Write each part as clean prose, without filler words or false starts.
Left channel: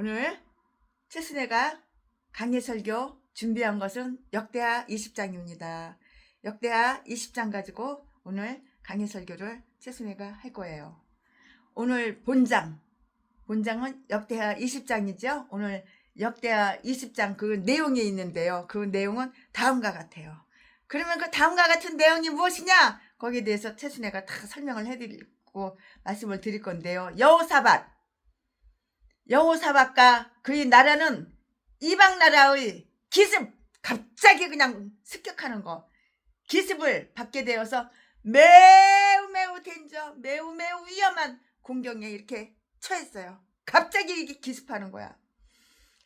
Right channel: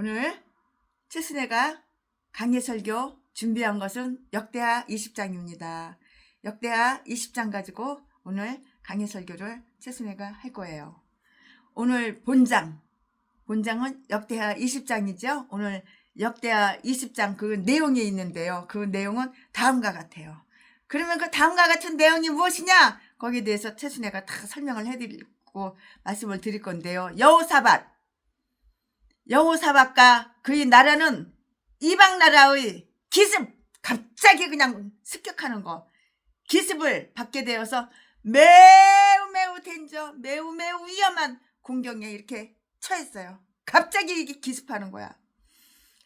오늘 최순애가 강해설교 준비한 것은 역대하 20장입니다. 역대하 20장 가지고 오늘 강해설교를 최순애가 할 거예요. 오늘 본장은 역대하 20장이죠. 오늘 역대하 20장 그 내용이 있는데요. 그 내용은 다음과 같아요. 그러면 그 다음과 같은 내용이 무엇이냐? 거기에 대해서 최순애가 다 설명을 해드리고 말씀을 드릴 건데요. 여호사밧과 그의 나라는 이방 나라의 기습, 갑자기 그냥 습격하는 거, 기습을 받게 되어서 매우 데인저, 매우 위험한 공경에 이렇게 처했어요. 갑자기 이게 기습하는 거야.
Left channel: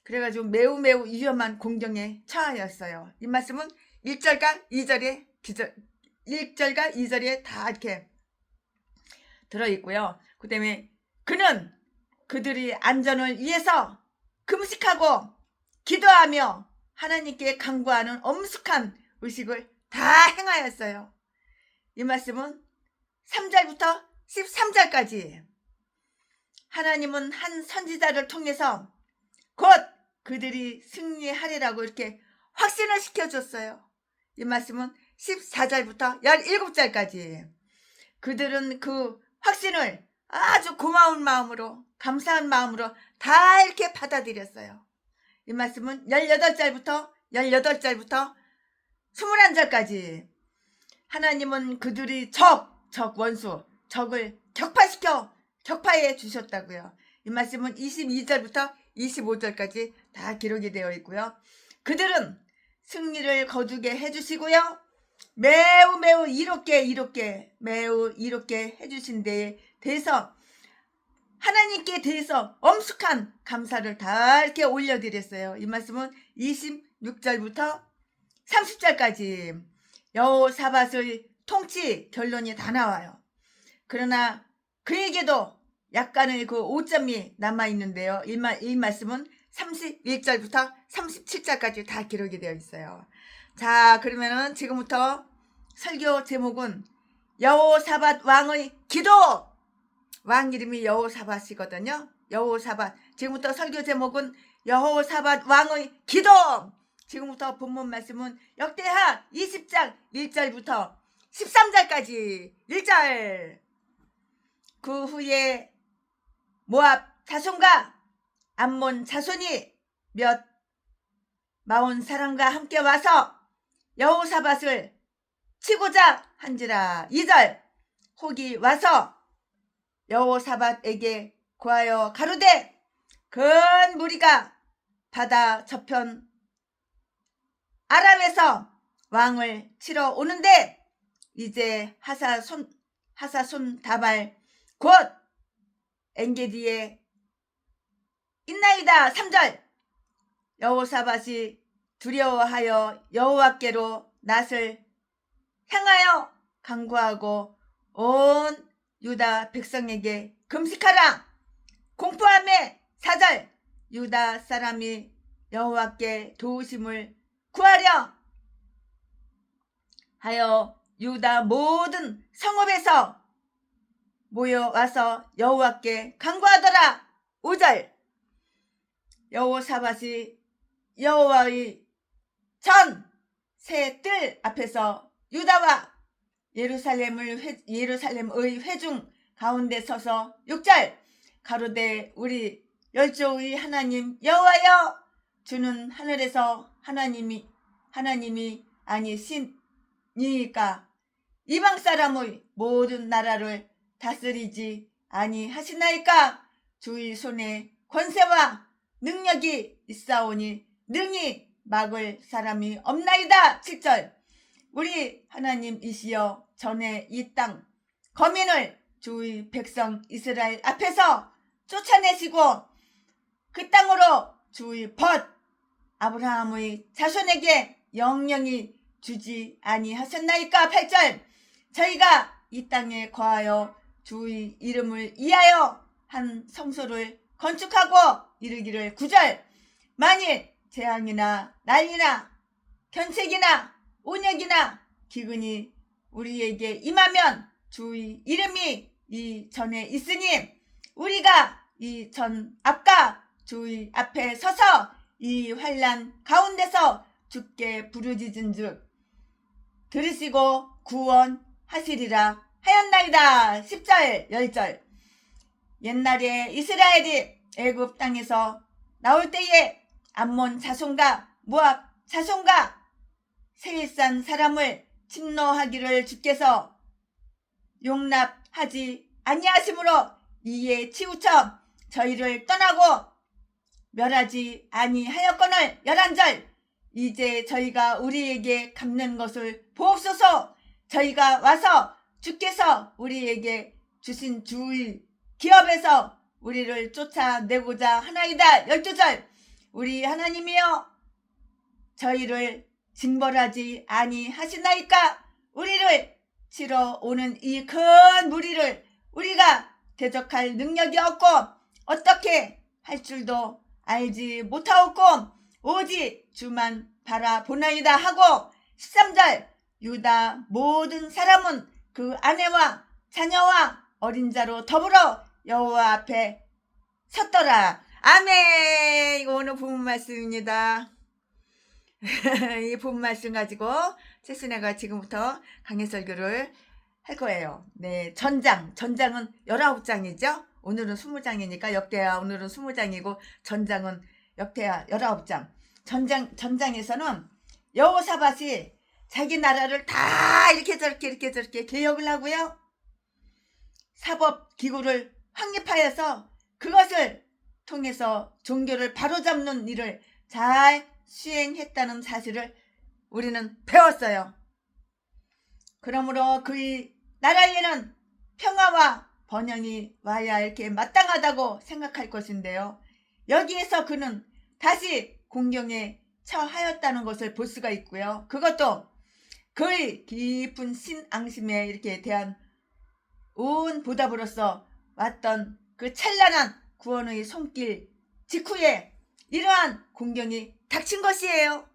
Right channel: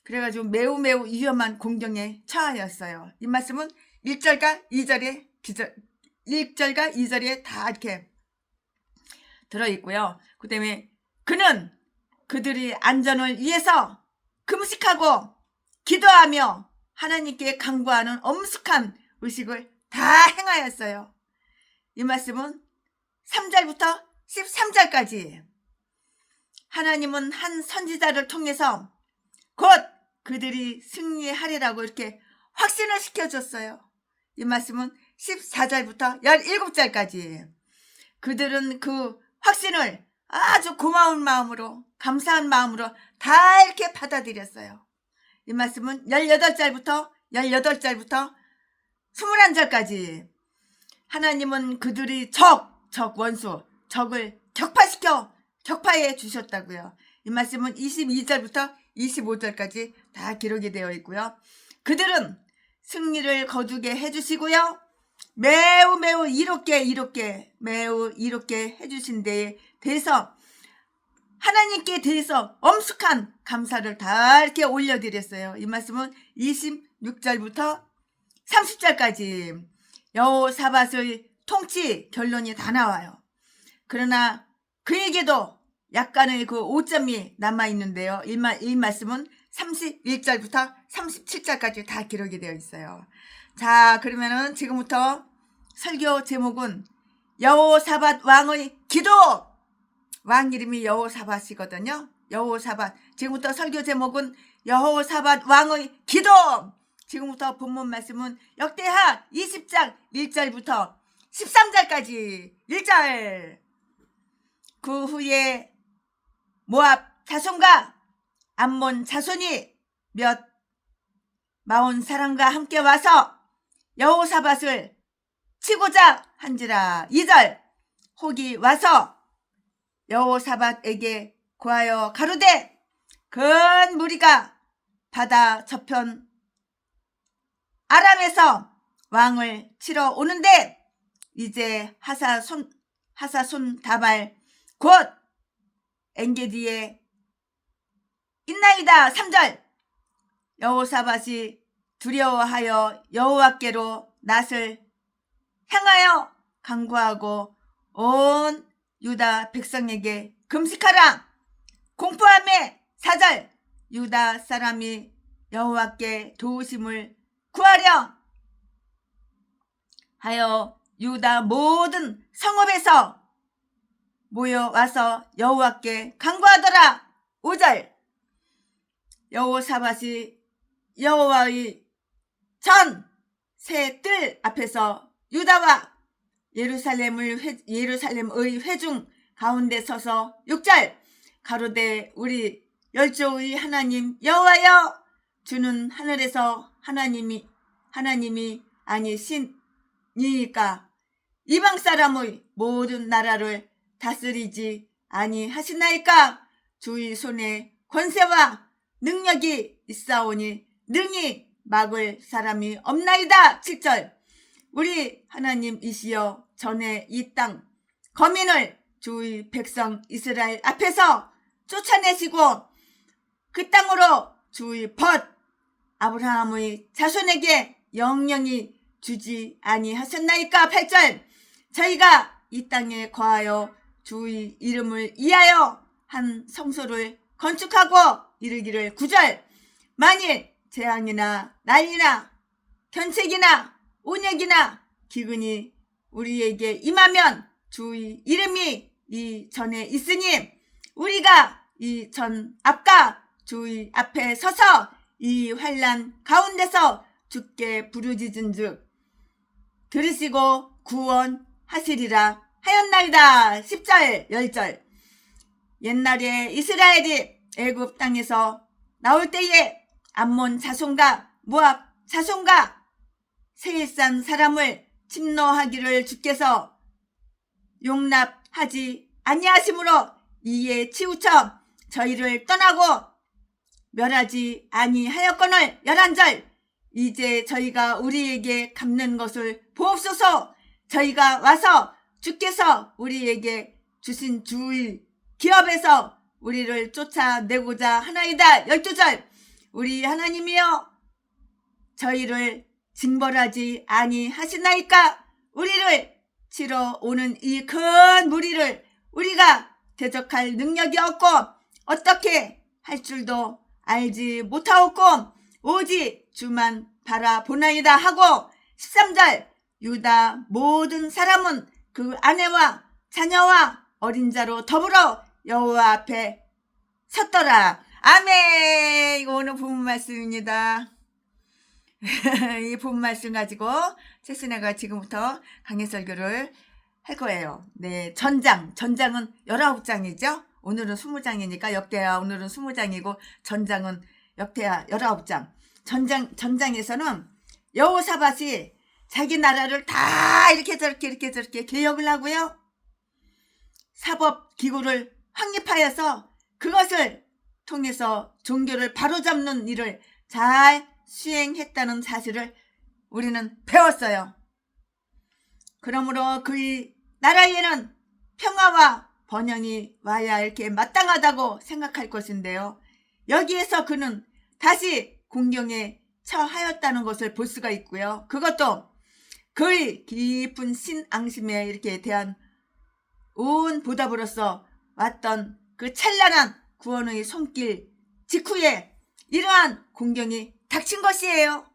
그래가지고 매우 위험한 공경에 처하였어요. 이 말씀은 1절과 2절에 다 이렇게 들어있고요. 그 다음에 그는 그들의 안전을 위해서 금식하고 기도하며 하나님께 간구하는 엄숙한 의식을 다 행하였어요. 이 말씀은 3절부터 13절까지 하나님은 한 선지자를 통해서 곧 그들이 승리하리라고 이렇게 확신을 시켜줬어요. 이 말씀은 14절부터 17절까지 그들은 그 확신을 아주 고마운 마음으로, 감사한 마음으로 다 이렇게 받아들였어요. 이 말씀은 18절부터 21절까지 하나님은 그들이 적을 격파해 주셨다고요. 이 말씀은 22절부터 25절까지 다 기록이 되어 있고요. 그들은 승리를 거두게 해주시고요. 매우 이롭게 해주신 데에 대해서 하나님께 대해서 엄숙한 감사를 다 이렇게 올려드렸어요. 이 말씀은 26절부터 30절까지 여호사밧의 통치 결론이 다 나와요. 그러나 그에게도 약간의 그 오점이 남아있는데요. 이 말씀은 31절부터 37절까지 다 기록이 되어 있어요. 자, 그러면은 지금부터 설교 제목은 여호사밧 왕의 기도! 왕 이름이 여호사밧이거든요. 여호사밧. 지금부터 설교 제목은 여호사밧 왕의 기도! 지금부터 본문 말씀은 역대하 20장 1절부터 13절까지 1절. 그 후에 모압 자손과 암몬 자손이 몇 마온 사람과 함께 와서 여호사밧을 치고자 한지라. 2절. 혹이 와서 여호사밧에게 구하여 가로되 큰 무리가 바다 저편 아람에서 왕을 치러 오는데 이제 하사손 다발 곧 엔게디에 있나이다. 3절. 여호사밧이 두려워하여 여호와께로 낯을 향하여 간구하고 온 유다 백성에게 금식하라. 공포함에 4절. 유다 사람이 여호와께 도우심을 구하려 하여 유다 모든 성읍에서 모여와서 여호와께 간구하더라. 5절. 여호사밧이 여호와의 전 새 뜰 앞에서 유다와 예루살렘의 회중 가운데 서서 6절. 가로되 우리 열조의 하나님 여호와여, 주는 하늘에서 하나님이 아니시니까 이방 사람의 모든 나라를 다스리지 아니하시나이까. 주의 손에 권세와 능력이 있사오니 능히 막을 사람이 없나이다. 7절. 우리 하나님이시여, 전에 이 땅 거민을 주의 백성 이스라엘 앞에서 쫓아내시고 그 땅으로 주의 벗 아브라함의 자손에게 영영히 주지 아니하셨나이까. 8절. 저희가 이 땅에 거하여 주의 이름을 위하여 한 성소를 건축하고 이르기를. 9절. 만일 재앙이나 난리나 견책이나 온역이나 기근이 우리에게 임하면 주의 이름이 이 전에 있으니 우리가 이 전 앞과 주의 앞에 서서 이 환난 가운데서 주께 부르짖은즉 들으시고 구원하시리라 하였나이다. 10절 10절. 옛날에 이스라엘이 애굽 땅에서 나올 때에 암몬 자손과 모압 자손과 세일산 사람을 침노하기를 주께서 용납하지 아니하심으로 이에 치우쳐 저희를 떠나고 멸하지 아니하였거늘 11절. 이제 저희가 우리에게 갚는 것을 보옵소서. 저희가 와서 주께서 우리에게 주신 주의 기업에서 우리를 쫓아내고자 하나이다. 12절. 우리 하나님이여 저희를 징벌하지 아니하시나이까. 우리를 치러 오는 이 큰 무리를 우리가 대적할 능력이 없고 어떻게 할 줄도 알지 못하옵고 오직 주만 바라보나이다 하고 13절. 유다 모든 사람은 그 아내와 자녀와 어린 자로 더불어 여호와 앞에 섰더라. 아멘. 이거 오늘 본문 말씀입니다. 이 본문 말씀 가지고 채순애가 지금부터 강해설교를 할 거예요. 네, 전장은 19장이죠. 오늘은 20장이니까 역대하 오늘은 20장이고 전장은 역대하 19장. 전장에서는 여호사밧이 자기 나라를 다 이렇게 저렇게 개혁을 하고요. 사법 기구를 확립하여서 그것을 통해서 종교를 바로잡는 일을 잘 수행했다는 사실을 우리는 배웠어요. 그러므로 그의 나라에는 평화와 번영이 와야 이렇게 마땅하다고 생각할 것인데요. 여기에서 그는 다시 공경에 처하였다는 것을 볼 수가 있고요. 그것도 그의 깊은 신앙심에 이렇게 대한 온 보답으로서 왔던 그 찬란한 구원의 손길 직후에 이러한 공경이 닥친 것이에요.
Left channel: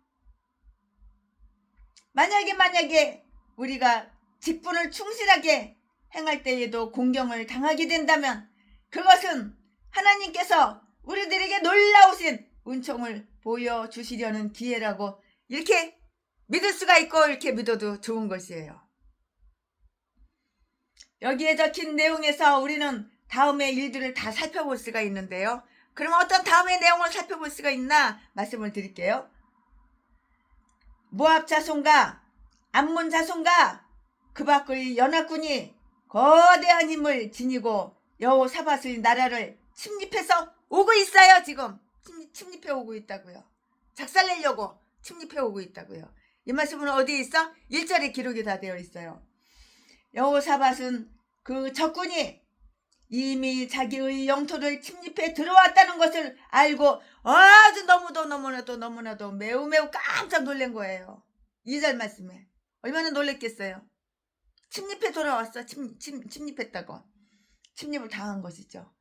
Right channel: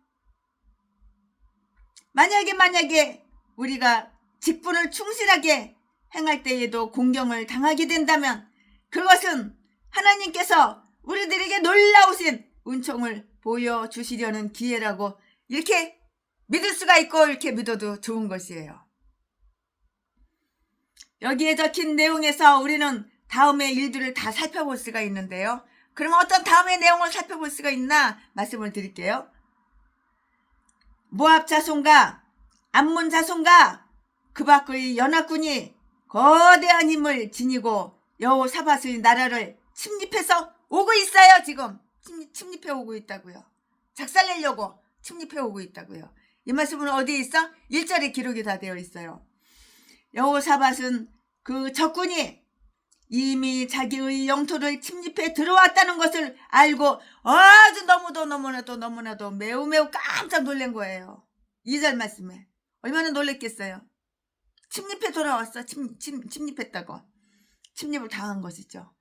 만약에 우리가 직분을 충실하게 행할 때에도 공경을 당하게 된다면 그것은 하나님께서 우리들에게 놀라우신 은총을 보여주시려는 기회라고 이렇게 믿을 수가 있고 이렇게 믿어도 좋은 것이에요. 여기에 적힌 내용에서 우리는 다음의 일들을 다 살펴볼 수가 있는데요. 그러면 어떤 다음의 내용을 살펴볼 수가 있나 말씀을 드릴게요. 모압 자손과 암몬 자손과 그 밖의 연합군이 거대한 힘을 지니고 여호사밧의 나라를 침입해서 오고 있어요. 지금 침입해 오고 있다고요. 작살내려고 침입해 오고 있다고요. 이 말씀은 어디에 있어? 1절에 기록이 다 되어 있어요. 여호사밧은 그 적군이 이미 자기의 영토를 침입해 들어왔다는 것을 알고 아주 너무나도 매우 깜짝 놀란 거예요. 2절 말씀에 얼마나 놀랬겠어요. 침입해 돌아왔어. 침입했다고. 침입을 당한 것이죠.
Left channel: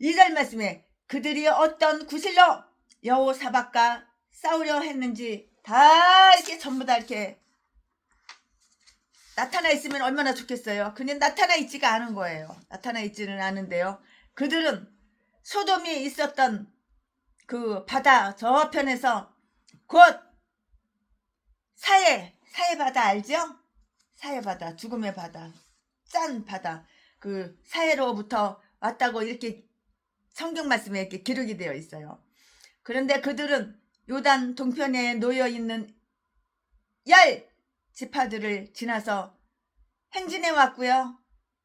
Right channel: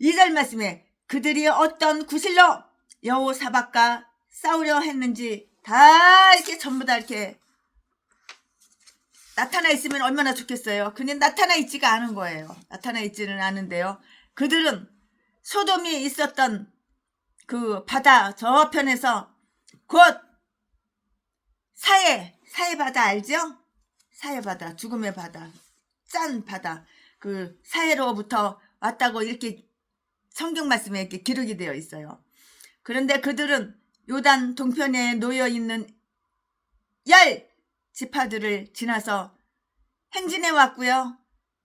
2절 말씀에 그들이 어떤 구실로 여호사밧과 싸우려 했는지 다 이렇게 전부 다 이렇게 나타나 있으면 얼마나 좋겠어요. 근데 나타나 있지가 않은 거예요. 나타나 있지는 않은데요. 그들은 소돔이 있었던 그 바다 저편에서 곧 사해 바다 알죠? 사해 바다, 죽음의 바다, 짠 바다, 그 사해로부터 왔다고 이렇게 성경 말씀에 이렇게 기록이 되어 있어요. 그런데 그들은 요단 동편에 놓여 있는 10 지파들을 지나서 행진해 왔고요.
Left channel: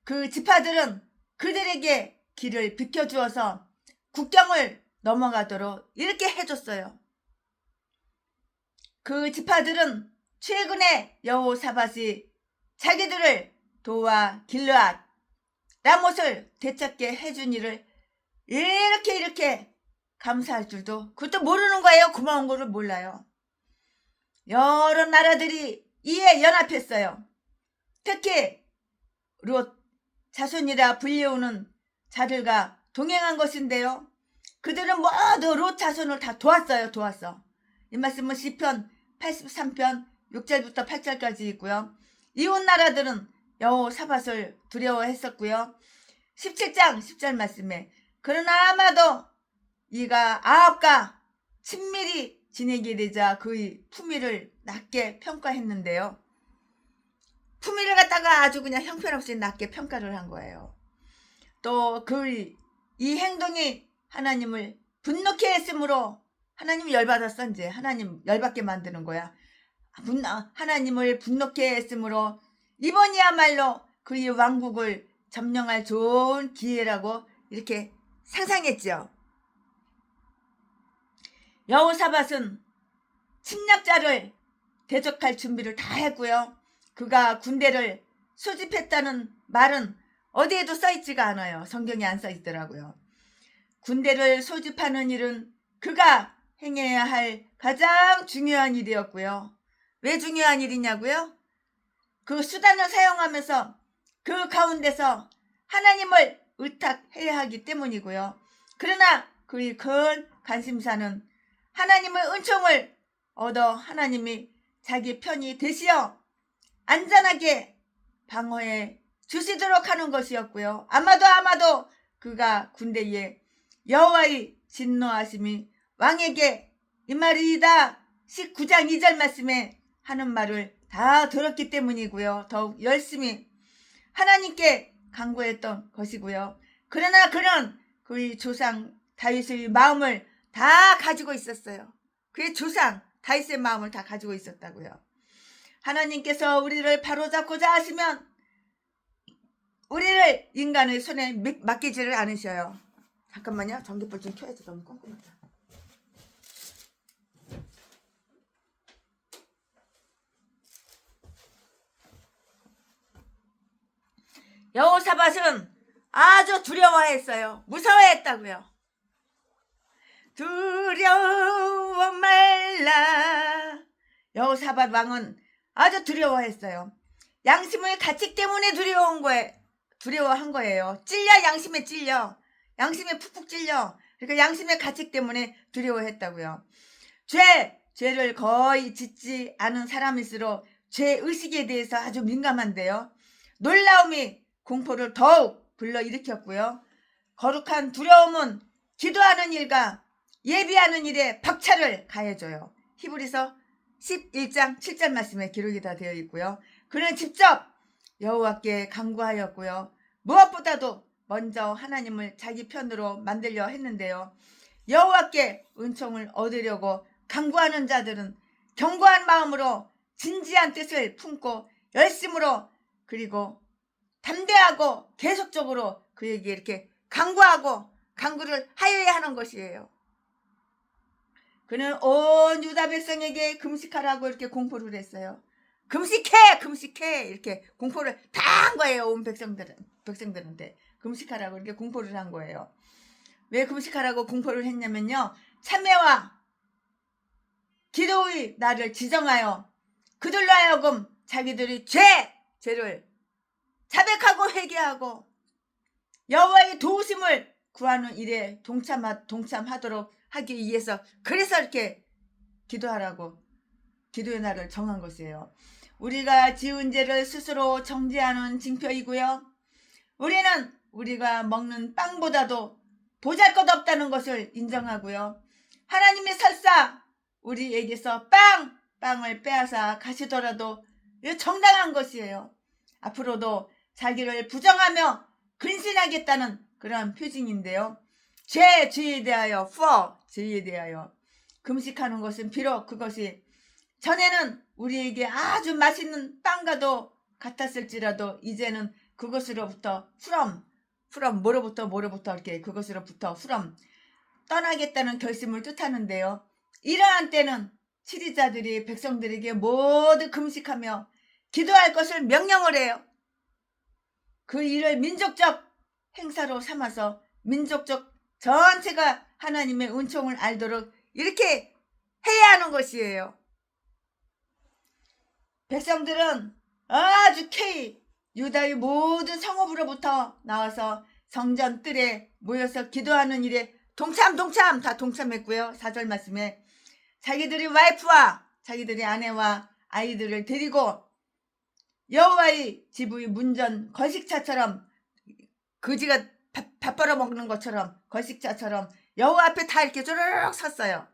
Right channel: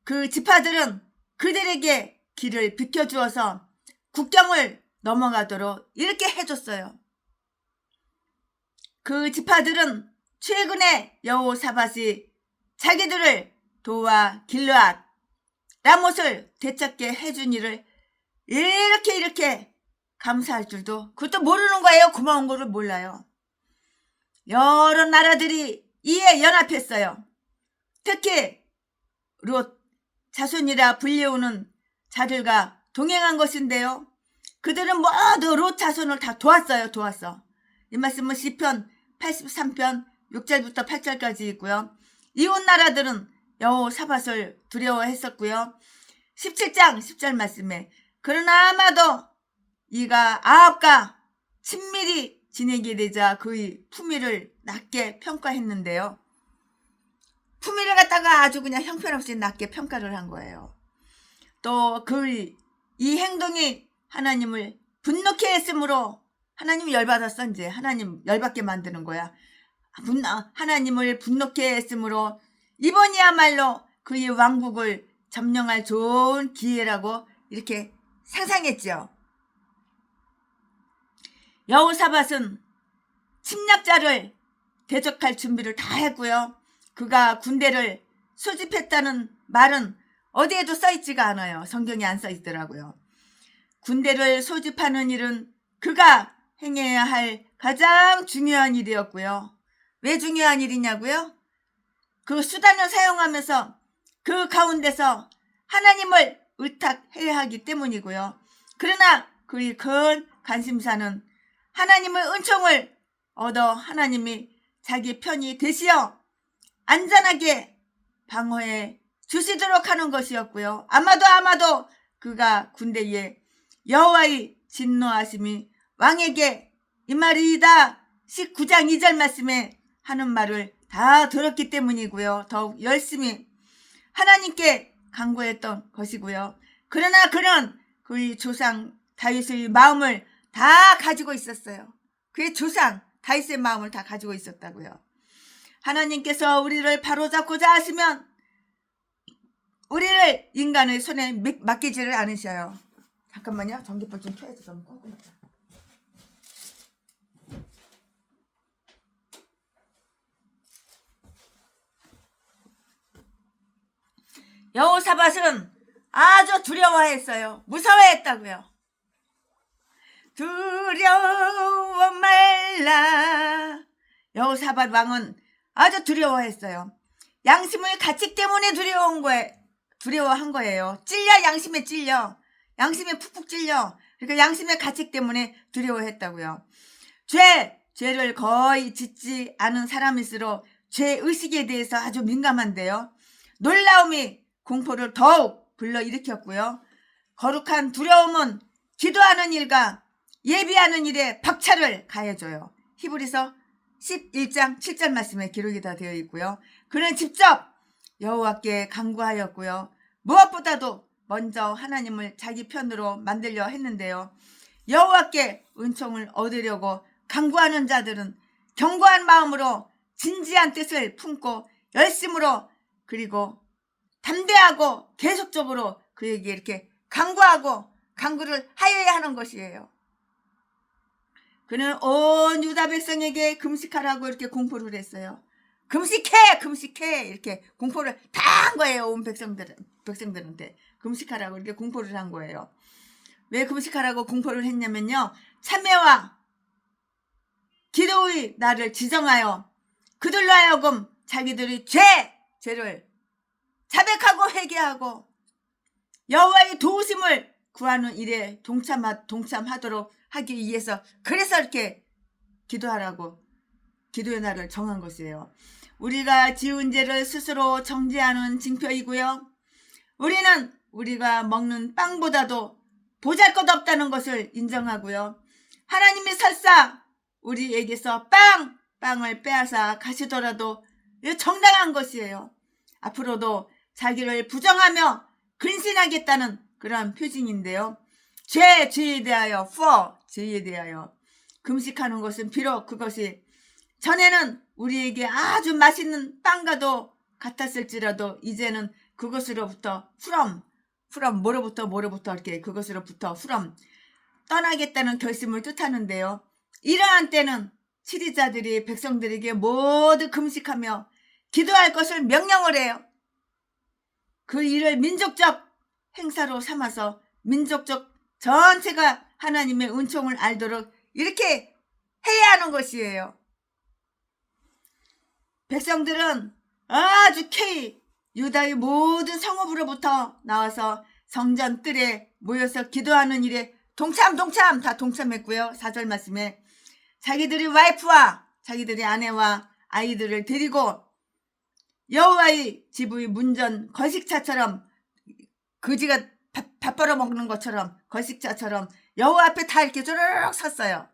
그 지파들은 그들에게 길을 비켜주어서 국경을 넘어가도록 이렇게 해줬어요. 그 지파들은 최근에 여호사밧이 자기들을 도와 길르앗 라못을 되찾게 해준 일을 이렇게 감사할 줄도 그것도 모르는 거예요. 고마운 거를 몰라요. 여러 나라들이 이에 연합했어요. 특히 롯 자손이라 불리우는 자들과 동행한 것인데요. 그들은 모두 롯 자손을 다 도왔어. 이 말씀은 시편 83편 6절부터 8절까지 있고요. 이웃 나라들은 여호사밧을 두려워했었고요. 17장 10절 말씀에 그러나 아마도 이가 아합과 친밀히 지내게 되자 그의 품위를 낮게 평가했는데요. 품위를 갖다가 아주 그냥 형편없이 낮게 평가를 한 거예요. 또 그의 이 행동이 하나님을 분노케 했으므로 하나님 열받았어. 이제 하나님 열받게 만드는 거야. 하나님을 분노케 했으므로 이번이야말로 그의 왕국을 점령할 좋은 기회라고 이렇게 상상했죠. 여호사밧은 침략자를 대적할 준비를 다 했고요. 그가 군대를 소집했다는 말은 어디에도 써있지가 않아요. 성경에 안 써있더라고요. 군대를 소집하는 일은 그가 행해야 할 가장 중요한 일이었고요. 왜 중요한 일이냐고요? 그 수단을 사용하면서 그 가운데서 하나님을 의탁해야 하기 때문이고요. 그러나 그의 큰 관심사는 하나님의 은총을 얻어 하나님이 자기 편이 되시어 안전하게 방어해 주시도록 하는 것이었고요. 아마도 그가 군대에 여호와의 진노하심이 왕에게 이 말이다 19장 2절 말씀에 하는 말을 다 들었기 때문이고요. 더욱 열심히 하나님께 간구했던 것이고요. 그러나 그는 그의 조상 다윗의 마음을 다 가지고 있었어요. 그의 조상 다윗의 마음을 다 가지고 있었다고요. 하나님께서 우리를 바로잡고자 하시면 우리를 인간의 손에 맡기지를 않으셔요. 잠깐만요. 전기불 좀 켜야지. 너무 꼼꼼하다. 여호사밧은 아주 두려워했어요. 무서워했다고요. 두려워 말라. 여호사밧 왕은 아주 두려워했어요. 양심의 가책 때문에 두려워한 거예요. 찔려, 양심에 찔려. 양심에 푹푹 찔려. 그러니까 양심의 가책 때문에 두려워했다고요. 죄를 거의 짓지 않은 사람일수록 죄의식에 대해서 아주 민감한데요. 놀라움이 공포를 더욱 불러일으켰고요. 거룩한 두려움은 기도하는 일과 예비하는 일에 박차를 가해줘요. 히브리서 11장 7절 말씀에 기록이 다 되어 있고요. 그는 직접 여호와께 간구하였고요. 무엇보다도 먼저 하나님을 자기 편으로 만들려 했는데요. 여호와께 은총을 얻으려고 간구하는 자들은 견고한 마음으로 진지한 뜻을 품고 열심으로 그리고 담대하고 계속적으로 그에게 이렇게 간구하고 간구를 하여야 하는 것이에요. 그는 온 유다 백성에게 금식하라고 이렇게 공포를 했어요. 금식해 이렇게 공포를 다 한 거예요. 온 백성들한테 금식하라고 이렇게 공포를 한 거예요. 왜 금식하라고 공포를 했냐면요. 참회와 기도의 날을 지정하여 그들로 하여금 자기들이 죄를 자백하고 회개하고 여호와의 도우심을 구하는 일에 동참하도록 하기 위해서 그래서 이렇게 기도하라고 기도의 날을 정한 것이에요. 우리가 지은 죄를 스스로 정죄하는 징표이고요. 우리는 우리가 먹는 빵보다도 보잘것없다는 것을 인정하고요. 하나님이 설사 우리에게서 빵을 빼앗아 가시더라도 정당한 것이에요. 앞으로도 자기를 부정하며 근신하겠다는 그런 표징인데요. 죄에 대하여 죄에 대하여 금식하는 것은 비록 그것이 전에는 우리에게 아주 맛있는 빵과도 같았을지라도 이제는 그것으로부터 뭐로부터 이렇게 그것으로부터 떠나겠다는 결심을 뜻하는데요. 이러한 때는 치리자들이 백성들에게 모두 금식하며 기도할 것을 명령을 해요. 그 일을 민족적 행사로 삼아서 민족적 전체가 하나님의 은총을 알도록 이렇게 해야 하는 것이에요. 백성들은 아주 유다의 모든 성읍으로부터 나와서 성전 뜰에 모여서 기도하는 일에 동참 다 동참했고요. 4절 말씀에 자기들이 와이프와 자기들의 아내와 아이들을 데리고 여호와의 집의 문전 거식차처럼 거지가 밥 벌어 먹는 것처럼 거식차처럼 여호와 앞에 다 이렇게 쪼르륵 섰어요.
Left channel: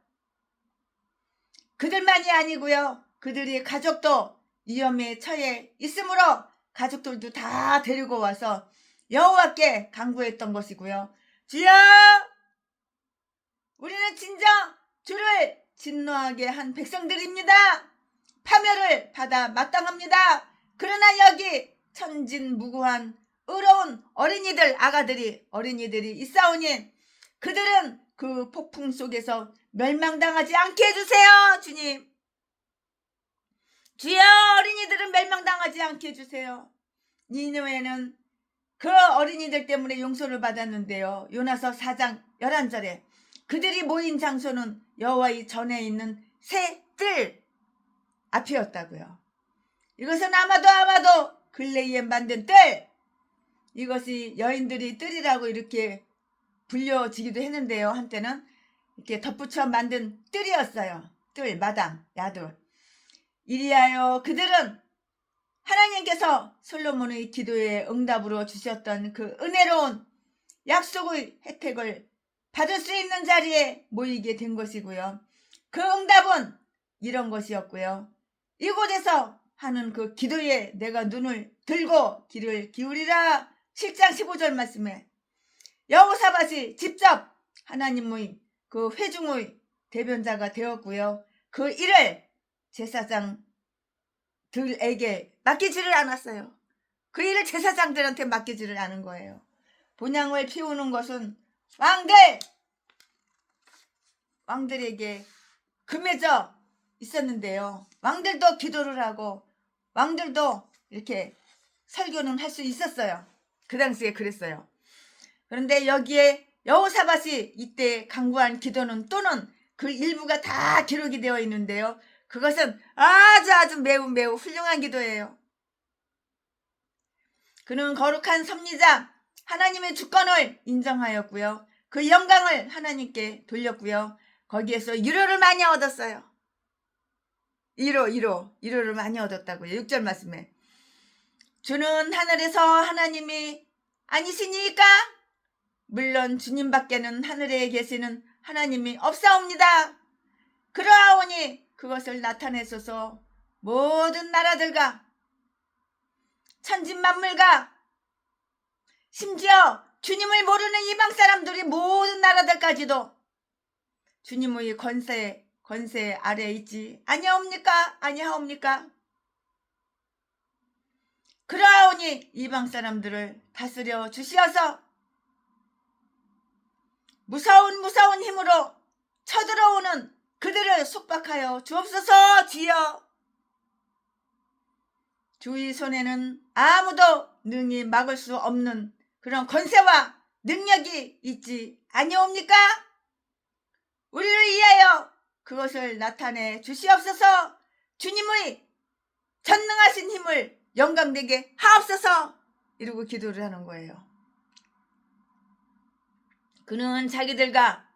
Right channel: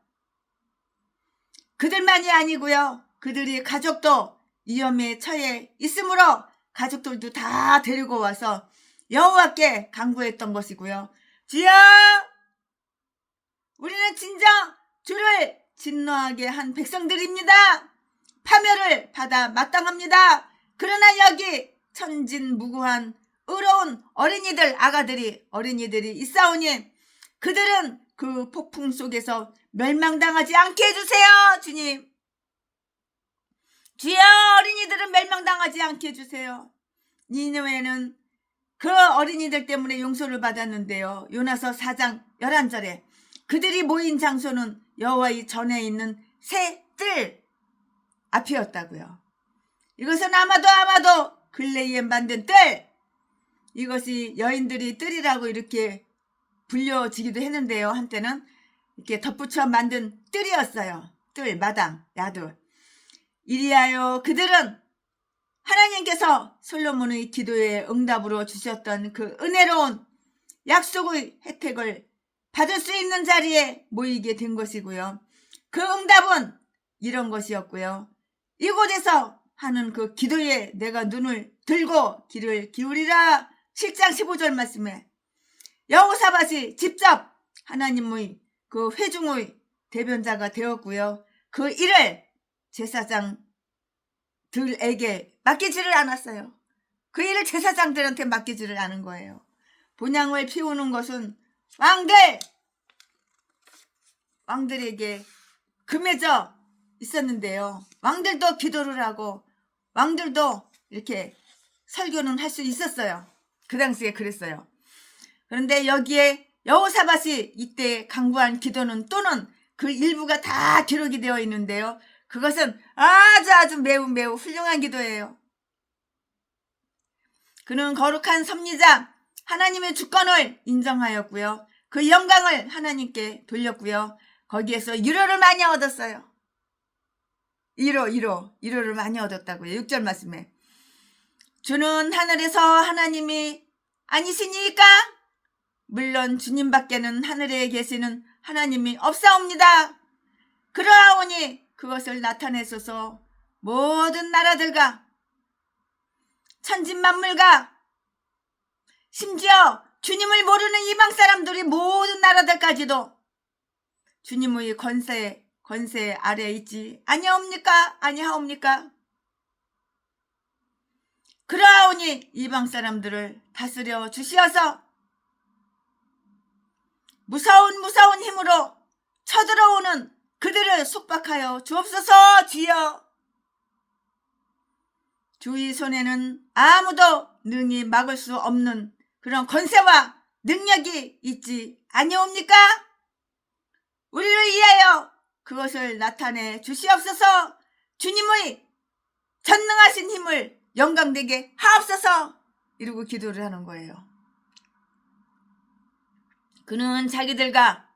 그들만이 아니고요. 그들이 가족도 위험에 처해 있으므로 가족들도 다 데리고 와서 여호와께 간구했던 것이고요. 주여, 우리는 진정 주를 진노하게 한 백성들입니다. 파멸을 받아 마땅합니다. 그러나 여기 천진무구한 의로운 어린이들, 어린이들이 있사오니 그들은 그 폭풍 속에서 멸망당하지 않게 해주세요. 주님, 주여, 어린이들은 멸망당하지 않게 해주세요. 니느웨는 그 어린이들 때문에 용서를 받았는데요. 요나서 4장 11절에 그들이 모인 장소는 여호와의 전에 있는 새 뜰 앞이었다고요. 이것은 아마도 글레이에 만든 뜰, 이것이 여인들이 뜰이라고 이렇게 불려지기도 했는데요. 한때는 이렇게 덧붙여 만든 뜰이었어요. 뜰, 마당, 야들. 이리하여 그들은 하나님께서 솔로몬의 기도에 응답으로 주셨던 그 은혜로운 약속의 혜택을 받을 수 있는 자리에 모이게 된 것이고요. 그 응답은 이런 것이었고요. 이곳에서 하는 그 기도에 내가 눈을 들고 귀를 기울이라. 7장 15절 말씀에 여호사밧이 직접 하나님의 그 회중의 대변자가 되었고요. 그 일을 제사장들에게 맡기지를 않았어요. 그 일을 제사장들한테 맡기지를 않은 거예요. 본향을 피우는 것은 왕들에게 금해져 있었는데요. 왕들도 기도를 하고 왕들도 이렇게 설교는 할 수 있었어요. 그 당시에 그랬어요. 그런데 여기에 여호사밧이 이때 간구한 기도는 또는 그 일부가 다 기록이 되어 있는데요. 그것은 아주 매우 훌륭한 기도예요. 그는 거룩한 섭리자 하나님의 주권을 인정하였고요. 그 영광을 하나님께 돌렸고요. 거기에서 위로를 많이 얻었어요. 위로를 많이 얻었다고요. 6절 말씀에 주는 하늘에서 하나님이 아니시니까? 물론 주님밖에는 하늘에 계시는 하나님이 없사옵니다. 그러하오니 그것을 나타내소서. 모든 나라들과 천진만물과 심지어 주님을 모르는 이방 사람들이 모든 나라들까지도 주님의 권세 아래에 있지 아니하옵니까? 그러하오니 이방 사람들을 다스려 주시어서 무서운 힘으로 쳐들어오는 그들을 속박하여 주옵소서. 주여, 주의 손에는 아무도 능히 막을 수 없는 그런 권세와 능력이 있지 아니옵니까? 우리를 위하여 그것을 나타내 주시옵소서. 주님의 전능하신 힘을 영광되게 하옵소서. 이러고 기도를 하는 거예요. 그는 자기들과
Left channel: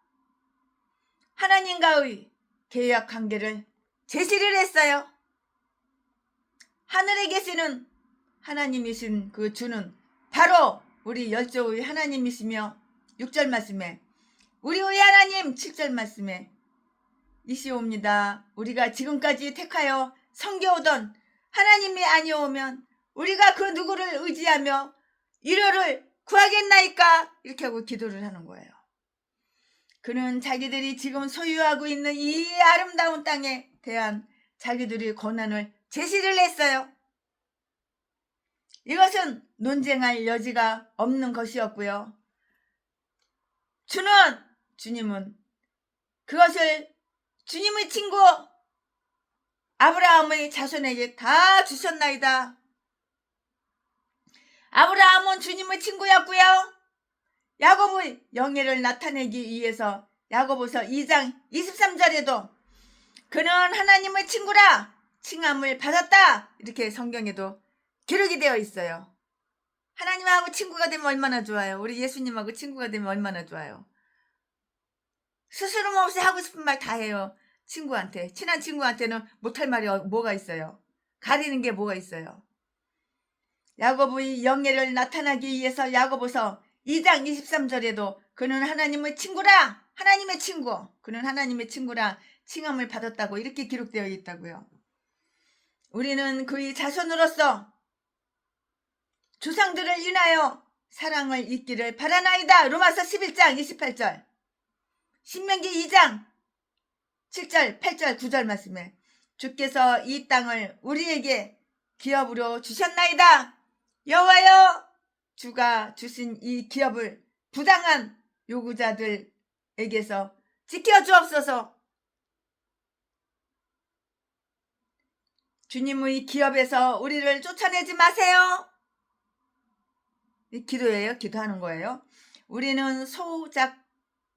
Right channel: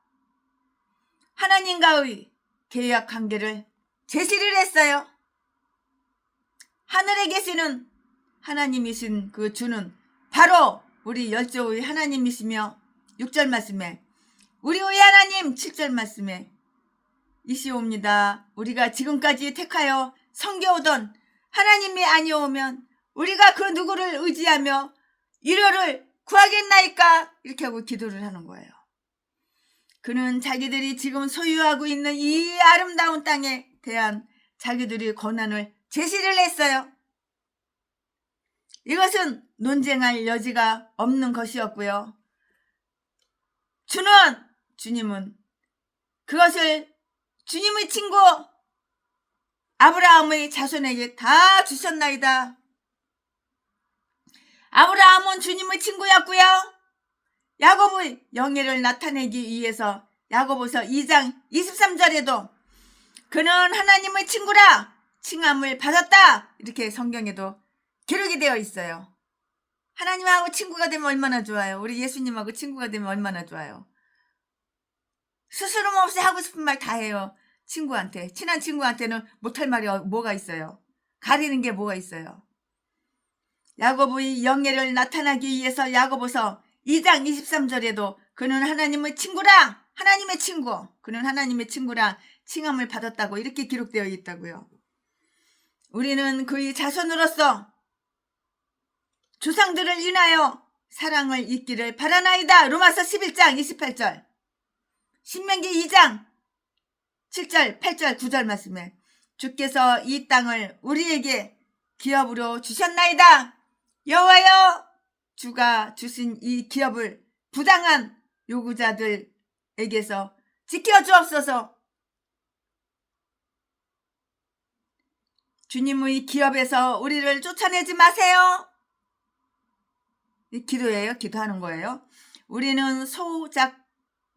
하나님과의 계약 관계를 제시를 했어요. 하늘에 계시는 하나님이신 그 주는 바로 우리 열조의 하나님이시며 6절 말씀에 우리의 하나님 7절 말씀에 이시옵니다. 우리가 지금까지 택하여 섬겨오던 하나님이 아니오면 우리가 그 누구를 의지하며 위로를 구하겠나이까? 이렇게 하고 기도를 하는 거예요. 그는 자기들이 지금 소유하고 있는 이 아름다운 땅에 대한 자기들의 권한을 제시를 했어요. 이것은 논쟁할 여지가 없는 것이었고요. 주님은 그것을 주님의 친구 아브라함의 자손에게 다 주셨나이다. 아브라함은 주님의 친구였고요. 야곱의 영예를 나타내기 위해서 야고보서 2장 23절에도 그는 하나님의 친구라 칭함을 받았다. 이렇게 성경에도 기록이 되어 있어요. 하나님하고 친구가 되면 얼마나 좋아요. 우리 예수님하고 친구가 되면 얼마나 좋아요. 스스럼 없이 하고 싶은 말 다 해요. 친구한테. 친한 친구한테는 못할 말이 뭐가 있어요. 가리는 게 뭐가 있어요. 야곱의 영예를 나타나기 위해서 야고보서 2장 23절에도 그는 하나님의 친구라 하나님의 친구, 그는 하나님의 친구라 칭함을 받았다고 이렇게 기록되어 있다고요. 우리는 그의 자손으로서 조상들을 인하여 사랑을 잊기를 바라나이다. 로마서 11장 28절, 신명기 2장 7절 8절 9절 말씀에 주께서 이 땅을 우리에게 기업으로 주셨나이다. 여호와여, 주가 주신 이 기업을 부당한 요구자들에게서 지켜주옵소서. 주님의 기업에서 우리를 쫓아내지 마세요. 이 기도예요. 기도하는 거예요. 우리는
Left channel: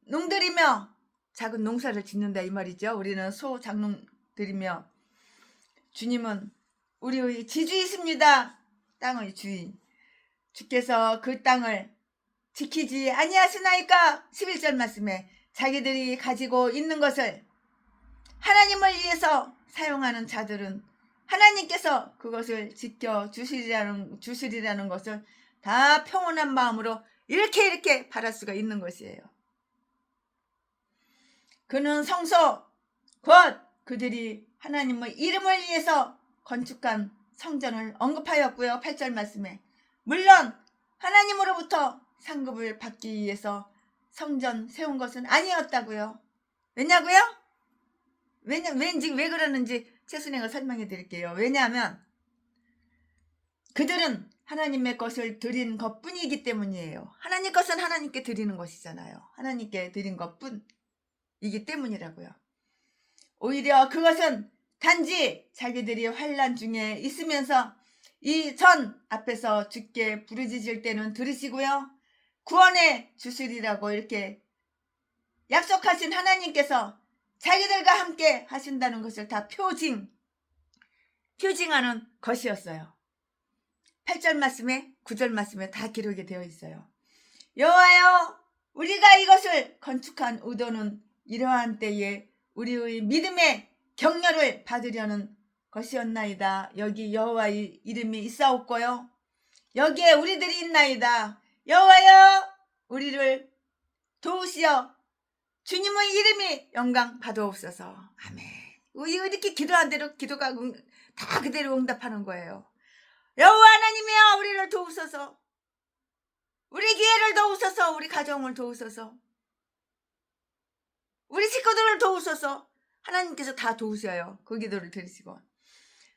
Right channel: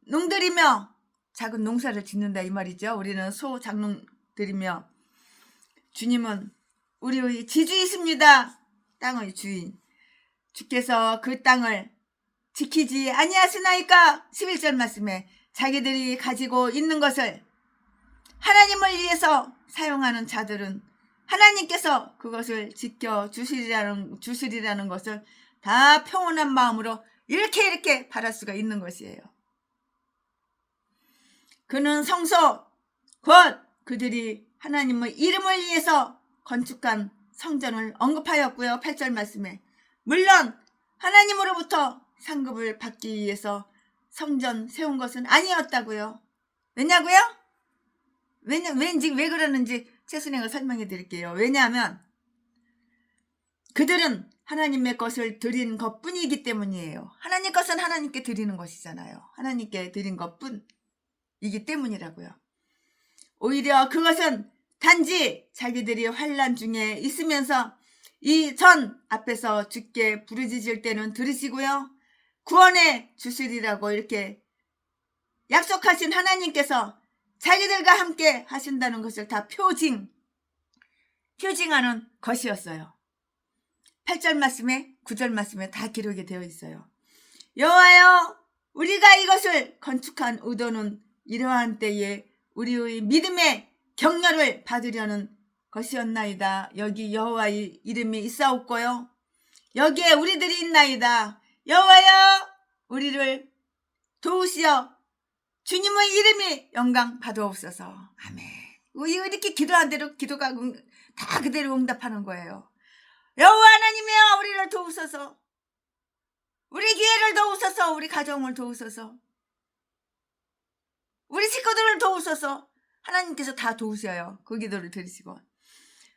소작농들이며 작은 농사를 짓는다 이 말이죠. 우리는 소작농들이며 주님은 우리의 지주이십니다. 땅의 주인. 주께서 그 땅을 지키지 아니하시나이까. 11절 말씀에 자기들이 가지고 있는 것을 하나님을 위해서 사용하는 자들은 하나님께서 그것을 지켜주시리라는 것을 다 평온한 마음으로 이렇게 바랄 수가 있는 것이에요. 그는 성소, 곧 그들이 하나님의 이름을 위해서 건축한 성전을 언급하였고요. 8절 말씀에 물론 하나님으로부터 상급을 받기 위해서 성전 세운 것은 아니었다고요. 왜냐고요? 왜 그러는지 최순애가 설명해 드릴게요. 왜냐하면 그들은 하나님의 것을 드린 것뿐이기 때문이에요. 하나님 것은 하나님께 드리는 것이잖아요. 하나님께 드린 것뿐이기 때문이라고요. 오히려 그것은 단지 자기들이 환난 중에 있으면서 이 전 앞에서 주께 부르짖을 때는 들으시고요, 구원해 주시리라고 이렇게 약속하신 하나님께서 자기들과 함께 하신다는 것을 다 표징하는 것이었어요. 8절 말씀에 9절 말씀에 다 기록이 되어 있어요. 여호와여, 우리가 이것을 건축한 의도는 이러한 때에 우리의 믿음의 격려를 받으려는 것이었나이다. 여기 여호와의 이름이 있사옵고요, 여기에 우리들이 있나이다. 여호와여, 우리를 도우시어 주님의 이름이 영광 받아옵소서. 아멘. 이렇게 기도한 대로 기도가 다 그대로 응답하는 거예요. 여호와 하나님이여, 우리를 도우소서. 우리 기회를 도우소서. 우리 가정을 도우소서. 우리 식구들을 도우소서. 하나님께서 다 도우셔요. 그 기도를 들으시고.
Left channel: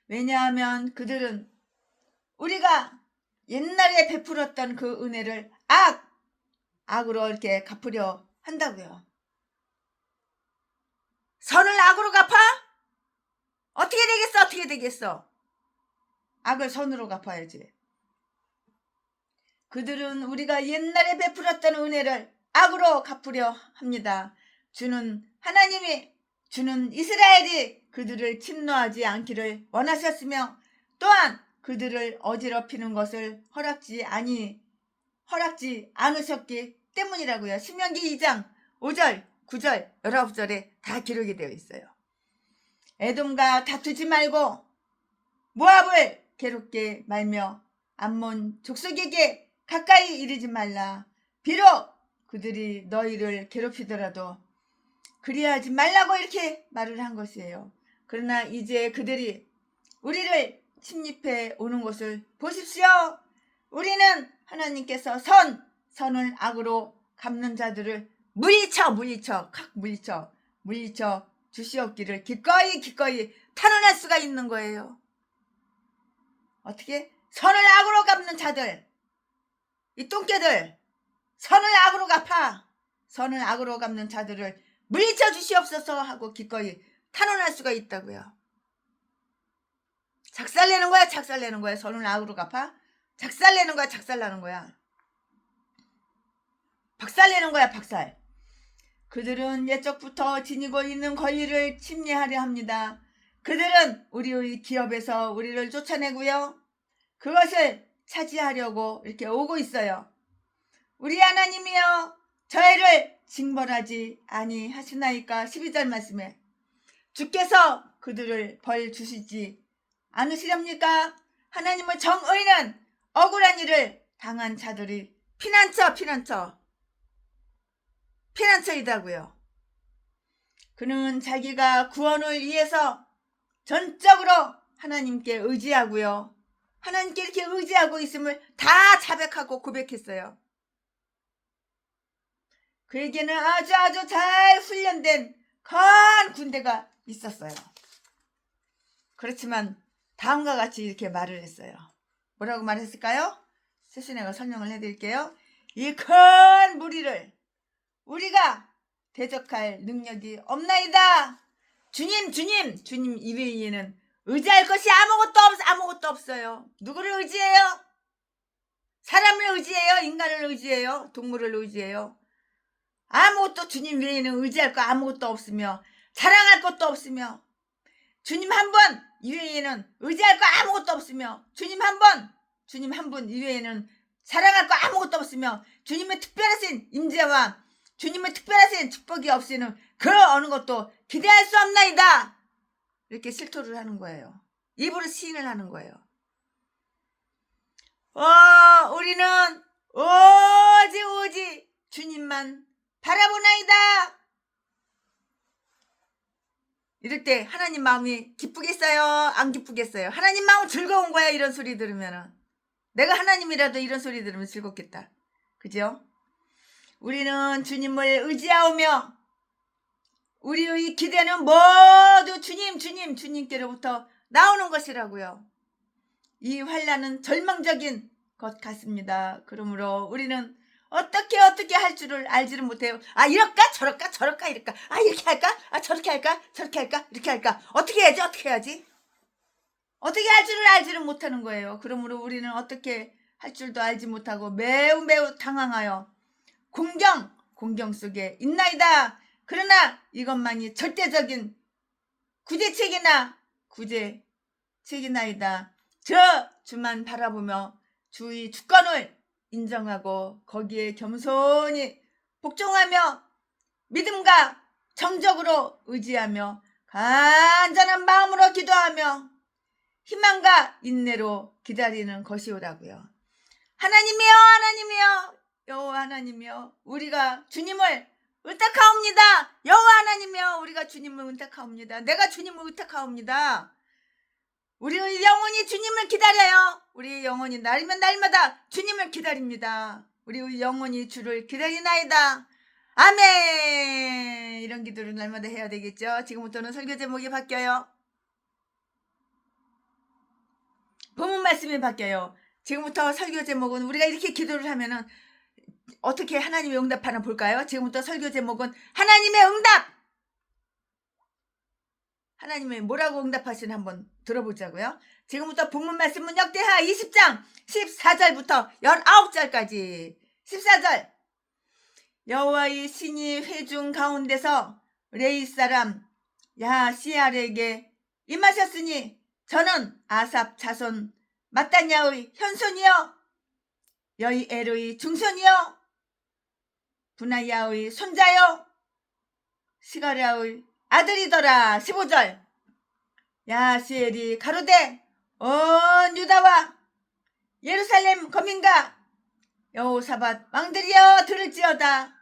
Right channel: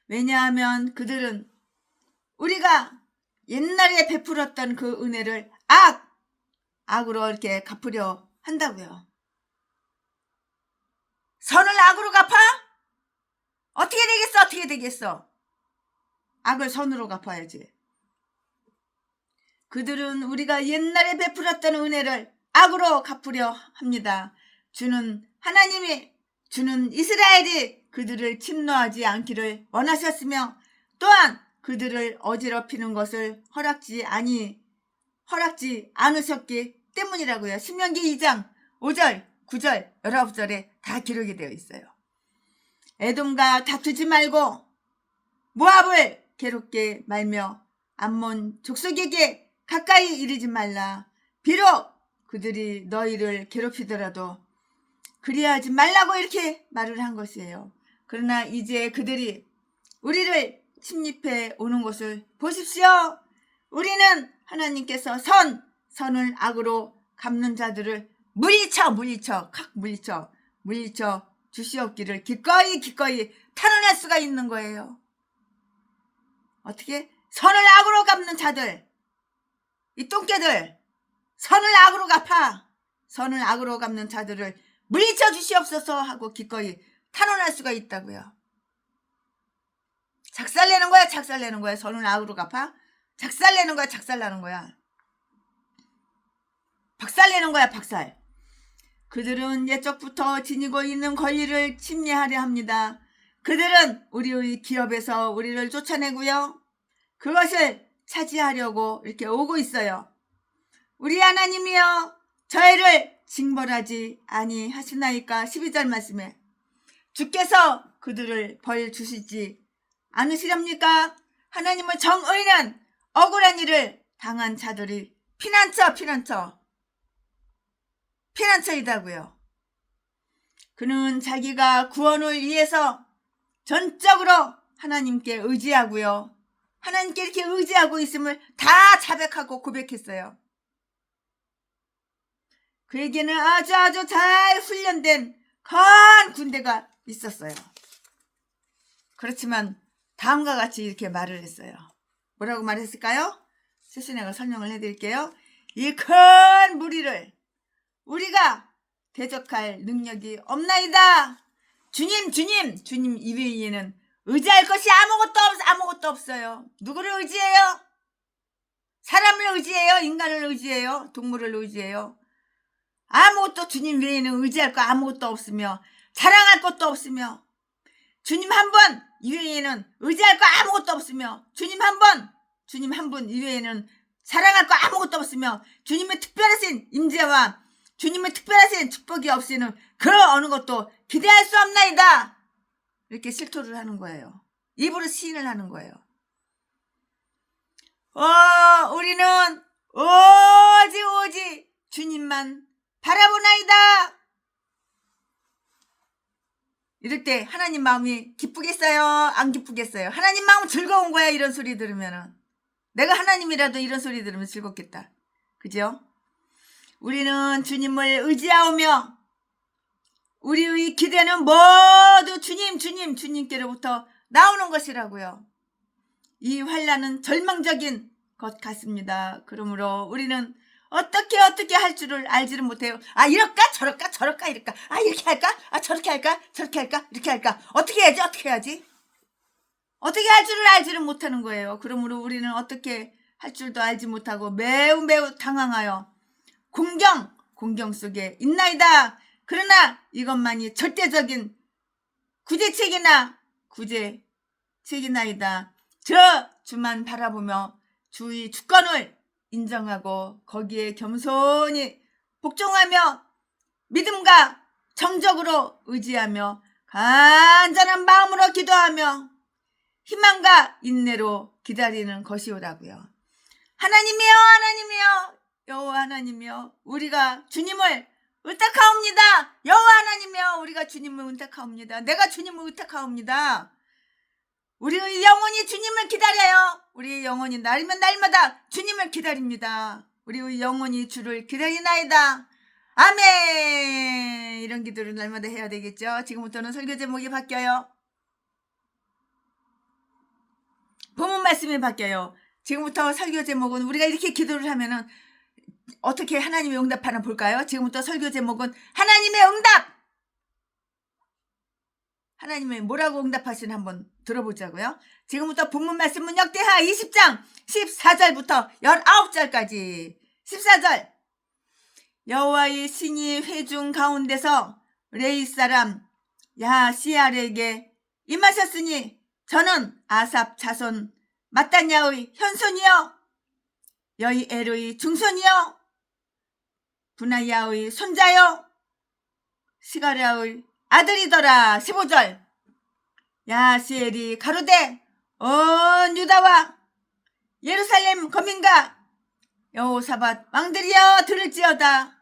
왜냐하면 그들은 우리가 옛날에 베풀었던 그 은혜를 악으로 이렇게 갚으려 한다고요. 선을 악으로 갚아? 어떻게 되겠어? 악을 선으로 갚아야지. 그들은 우리가 옛날에 베풀었던 은혜를 악으로 갚으려 합니다. 주는 이스라엘이 그들을 침노하지 않기를 원하셨으며 또한 그들을 어지럽히는 것을 허락지 않으셨기 때문이라고요. 신명기 2장 5절, 9절, 19절에 다 기록이 되어 있어요. 에돔과 다투지 말고 모압을 괴롭게 말며 암몬 족속에게 가까이 이르지 말라. 비록 그들이 너희를 괴롭히더라도 그리하지 말라고 이렇게 말을 한 것이에요. 그러나 이제 그들이 우리를 침입해 오는 것을 보십시오. 우리는 하나님께서 선을 악으로 갚는 자들을 물리쳐 주시옵기를 기꺼이 탄원할 수가 있는 거예요. 어떻게? 선을 악으로 갚는 자들, 이 똥개들, 선을 악으로 갚는 자들을 물리쳐 주시옵소서 하고 기꺼이 탄원할 수가 있다고요. 작살내는 거야. 선을 악으로 갚아? 작살내는 거야. 박살내는 거야. 박살. 그들은 옛적부터 지니고 있는 권리를 침해하려 합니다. 그들은 우리의 기업에서 우리를 쫓아내고요, 그것을 차지하려고 이렇게 오고 있어요. 우리 하나님이여, 저희를 징벌하지 아니하시나이까. 12절 말씀에 주께서 그들을 벌 주시지 않으시렵니까? 하나님의 정의는 억울한 일을 당한 자들이 피난처이다고요. 그는 자기가 구원을 위해서 전적으로 하나님께 의지하고요. 하나님께 이렇게 의지하고 있음을 다 자백하고 고백했어요. 그에게는 아주 잘 훈련된 큰 군대가 있었어요. 그렇지만 다음과 같이 이렇게 말을 했어요. 뭐라고 말했을까요? 최순애가 설명을 해드릴게요. 이 큰 무리를 우리가 대적할 능력이 없나이다. 주님 이외에는 의지할 것이 아무것도 없어요. 누구를 의지해요? 사람을 의지해요? 인간을 의지해요? 동물을 의지해요? 아무것도 주님 외에는 의지할 거 아무것도 없으며 자랑할 것도 없으며 주님 한 분 이외에는 의지할 거 아무것도 없으며 주님 한 분 이외에는 자랑할 거 아무것도 없으며 주님의 특별하신 임재와 주님의 특별하신 축복이 없이는 그 어느 것도 기대할 수 없나이다. 이렇게 실토를 하는 거예요. 입으로 시인을 하는 거예요. 우리는 오직 주님만 바라보나이다. 이럴 때 하나님 마음이 기쁘겠어요? 안 기쁘겠어요? 하나님 마음 즐거운 거야. 이런 소리 들으면은. 내가 하나님이라도 이런 소리 들으면 즐겁겠다. 그죠? 우리는 주님을 의지하오며 우리의 기대는 모두 주님께로부터 나오는 것이라고요. 이 환난은 절망적인 것 같습니다. 그러므로 우리는 어떻게 할 줄을 알지를 못해요. 이럴까 저럴까 이럴까, 이렇게 할까, 저렇게 할까 이렇게 할까, 어떻게 해야지 어떻게 할 줄을 알지를 못하는 거예요. 그러므로 우리는 어떻게 할 줄도 알지 못하고 매우 당황하여 공경 속에 있나이다. 그러나 이것만이 절대적인 구제책이나이다. 저 주만 바라보며 주의 주권을 인정하고 거기에 겸손히 복종하며 믿음과 정적으로 의지하며 간절한 마음으로 기도하며 희망과 인내로 기다리는 것이오라고요. 하나님이여 여호와 하나님이여 우리가 주님을 의탁하옵니다. 여호와 하나님이여 우리가 주님을 의탁하옵니다. 내가 주님을 의탁하옵니다. 우리의 영혼이 주님을 기다려요. 우리의 영혼이 날이면 날마다 주님을 기다립니다. 우리의 영혼이 주를 기다리나이다. 아멘. 이런 기도를 날마다 해야 되겠죠. 지금부터는 설교 제목이 바뀌어요. 본문 말씀이 바뀌어요. 지금부터 설교 제목은 우리가 이렇게 기도를 하면은 어떻게 하나님의 응답하나 볼까요? 지금부터 설교 제목은 하나님의 응답. 하나님의 뭐라고 응답하시나 한번 들어보자고요. 지금부터 본문 말씀은 역대하 20장 14절부터 19절까지. 14절. 여호와의 신이 회중 가운데서 레이 사람 야시알에게 임하셨으니 저는 아삽 자손 마따냐의 현손이요 여이엘의 중손이요 분하야의 손자요 시가랴의 아들이더라. 15절. 야시엘이 가로되 유다와 예루살렘 거민과 여호사밧 왕들이여 들을지어다.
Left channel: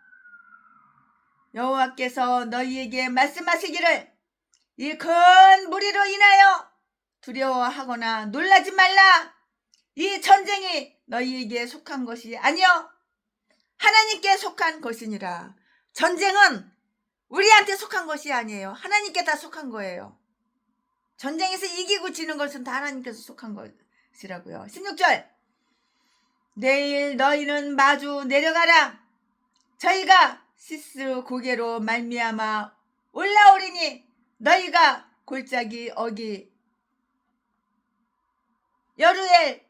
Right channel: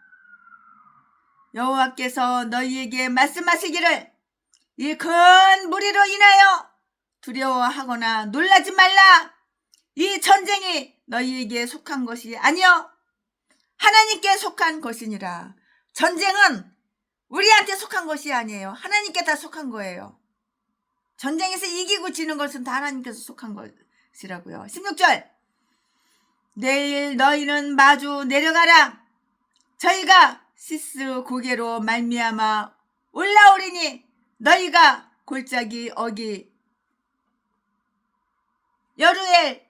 여호와께서 너희에게 말씀하시기를 이 큰 무리로 인하여 두려워하거나 놀라지 말라. 이 전쟁이 너희에게 속한 것이 아니요 하나님께 속한 것이니라. 전쟁은 우리한테 속한 것이 아니에요. 하나님께 다 속한 거예요. 전쟁에서 이기고 지는 것은 다 하나님께서 속한 것이라고요. 16절. 내일 너희는 마주 내려가라. 저희가 시스 고개로 말미암아 올라오리니 너희가 골짜기 어기 여루엘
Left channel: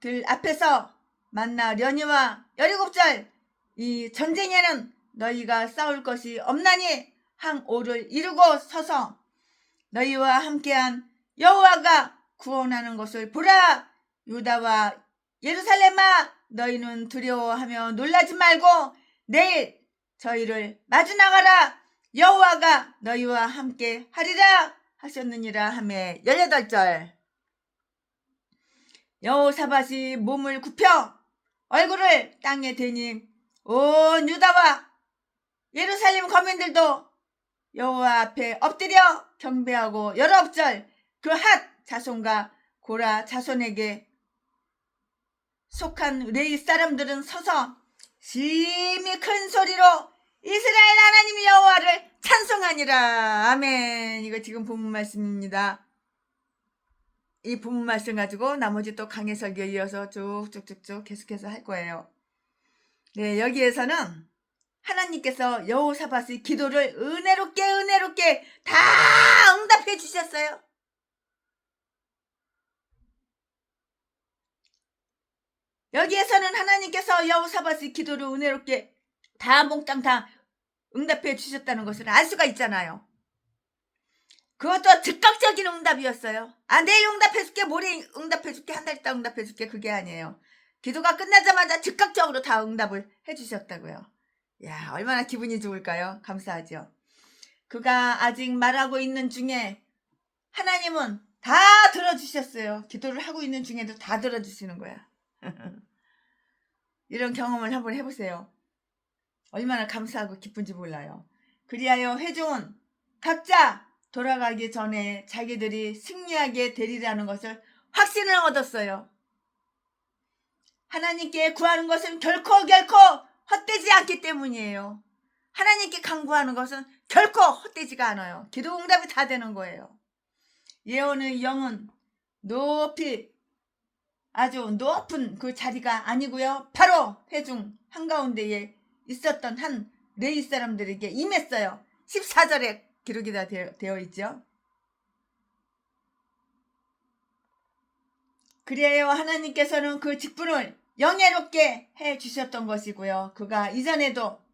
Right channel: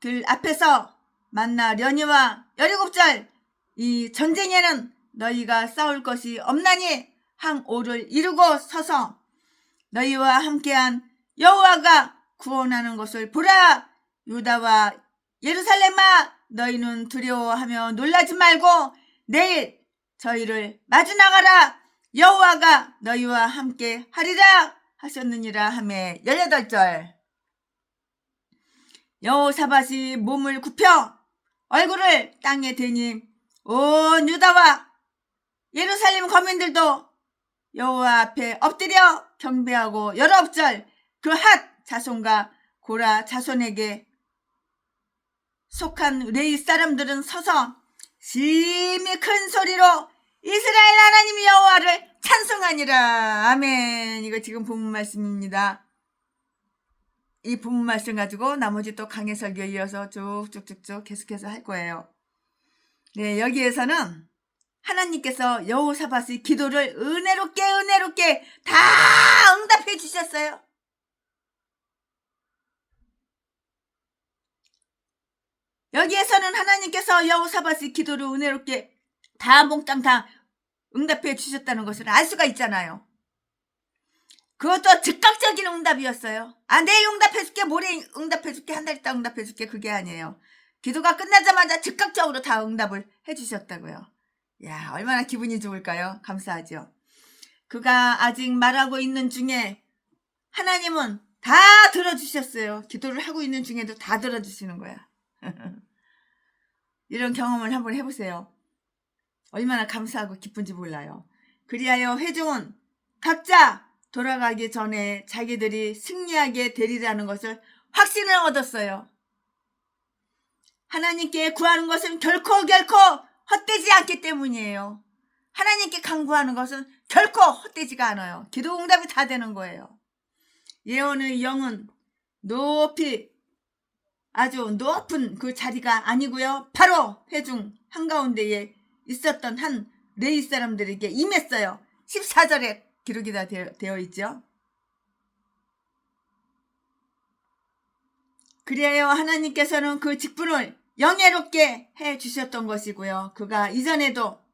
들 앞에서 만나려니와 17절. 이 전쟁에는 너희가 싸울 것이 없나니 항오를 이루고 서서 너희와 함께한 여호와가 구원하는 것을 보라. 유다와 예루살렘아 너희는 두려워하며 놀라지 말고 내일 저희를 마주 나가라. 여호와가 너희와 함께 하리라 하셨느니라 하매. 18절. 여호사밧이 몸을 굽혀 얼굴을 땅에 대니 온 유다와 예루살렘 거민들도 여호와 앞에 엎드려 경배하고 19절 그 핫 자손과 고라 자손에게 속한 레위 사람들은 서서 심히 큰 소리로 이스라엘 하나님 여호와를 찬송하니라. 아멘. 이거 지금 본문 말씀입니다. 이 본문 말씀 가지고 나머지 또 강해 설교 이어서 쭉쭉쭉쭉 계속해서 할 거예요. 네, 여기에서는 하나님께서 여호사밧의 기도를 은혜롭게 다 응답해 주셨어요. 여기에서는 하나님께서 여호사밧의 기도를 은혜롭게 다 몽땅 다 응답해 주셨다는 것을 알 수가 있잖아요. 그것도 즉각적인 응답이었어요. 내일 응답해줄게, 모레 응답해줄게, 한 달 있다 응답해줄게, 그게 아니에요. 기도가 끝나자마자 즉각적으로 다 응답을 해주셨다고요. 야, 얼마나 기분이 좋을까요? 감사하죠. 그가 아직 말하고 있는 중에 하나님은 다 들어주셨어요. 기도를 하고 있는 중에도 다 들어주시는 거야. 이런 경험을 한번 해보세요. 얼마나 감사하고 기쁜지 몰라요. 그리하여 회중은 각자 돌아가기 전에 자기들이 승리하게 되리라는 것을 확신을 얻었어요. 하나님께 구하는 것은 결코 헛되지 않기 때문이에요. 하나님께 간구하는 것은 결코 헛되지가 않아요. 기도 응답이 다 되는 거예요. 예언의 영은 높이 아주 높은 그 자리가 아니고요. 바로 회중 한가운데에 있었던 한 레위 사람들에게 임했어요. 14절에 기록이 다 되어 있죠. 그래요. 하나님께서는 그 직분을 영예롭게 해주셨던 것이고요. 그가 이전에도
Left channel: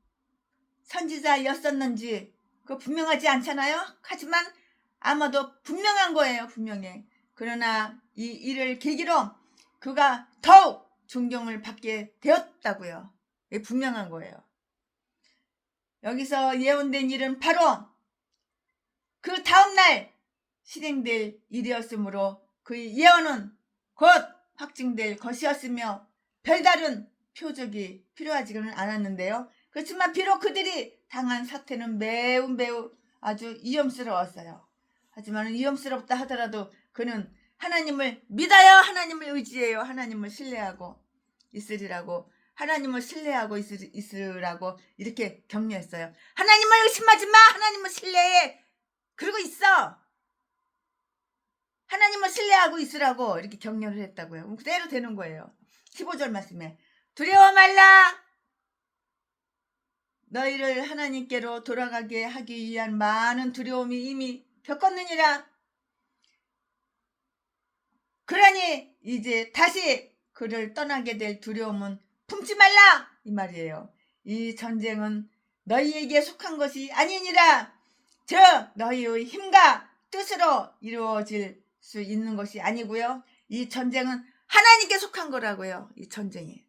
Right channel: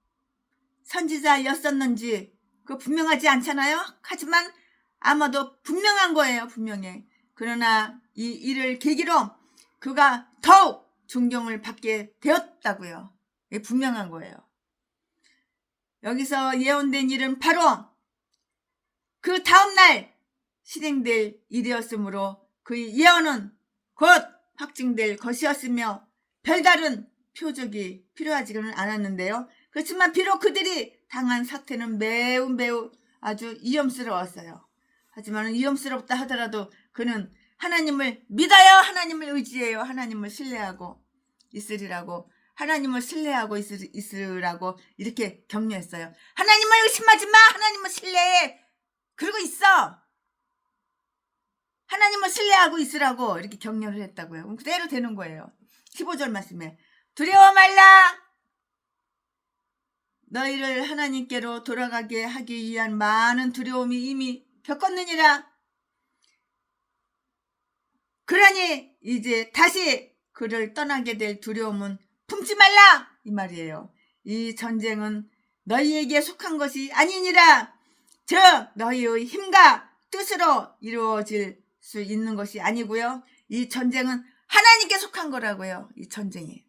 선지자였었는지 그 분명하지 않잖아요. 하지만 아마도 분명한 거예요. 분명해. 그러나 이 일을 계기로 그가 더욱 존경을 받게 되었다고요. 이게 분명한 거예요. 여기서 예언된 일은 바로 그 다음날 실행될 일이었으므로 그 예언은 곧 확증될 것이었으며 별다른 표적이 필요하지는 않았는데요. 그렇지만 비록 그들이 당한 사태는 매우 아주 위험스러웠어요. 하지만 위험스럽다 하더라도 그는 하나님을 믿어요. 하나님을 의지해요. 하나님을 신뢰하고 있으리라고, 하나님을 신뢰하고 있으라고 이렇게 격려했어요. 하나님을 의심하지 마. 하나님을 신뢰해. 그러고 있어. 하나님을 신뢰하고 있으라고 이렇게 격려를 했다고요. 그대로 되는 거예요. 15절 말씀에 두려워 말라. 너희를 하나님께로 돌아가게 하기 위한 많은 두려움이 이미 겪었느니라. 그러니 이제 다시 그를 떠나게 될 두려움은 품지 말라 이 말이에요. 이 전쟁은 너희에게 속한 것이 아니니라. 즉 너희의 힘과 뜻으로 이루어질 수 있는 것이 아니고요. 이 전쟁은 하나님께 속한 거라고요. 이 전쟁이.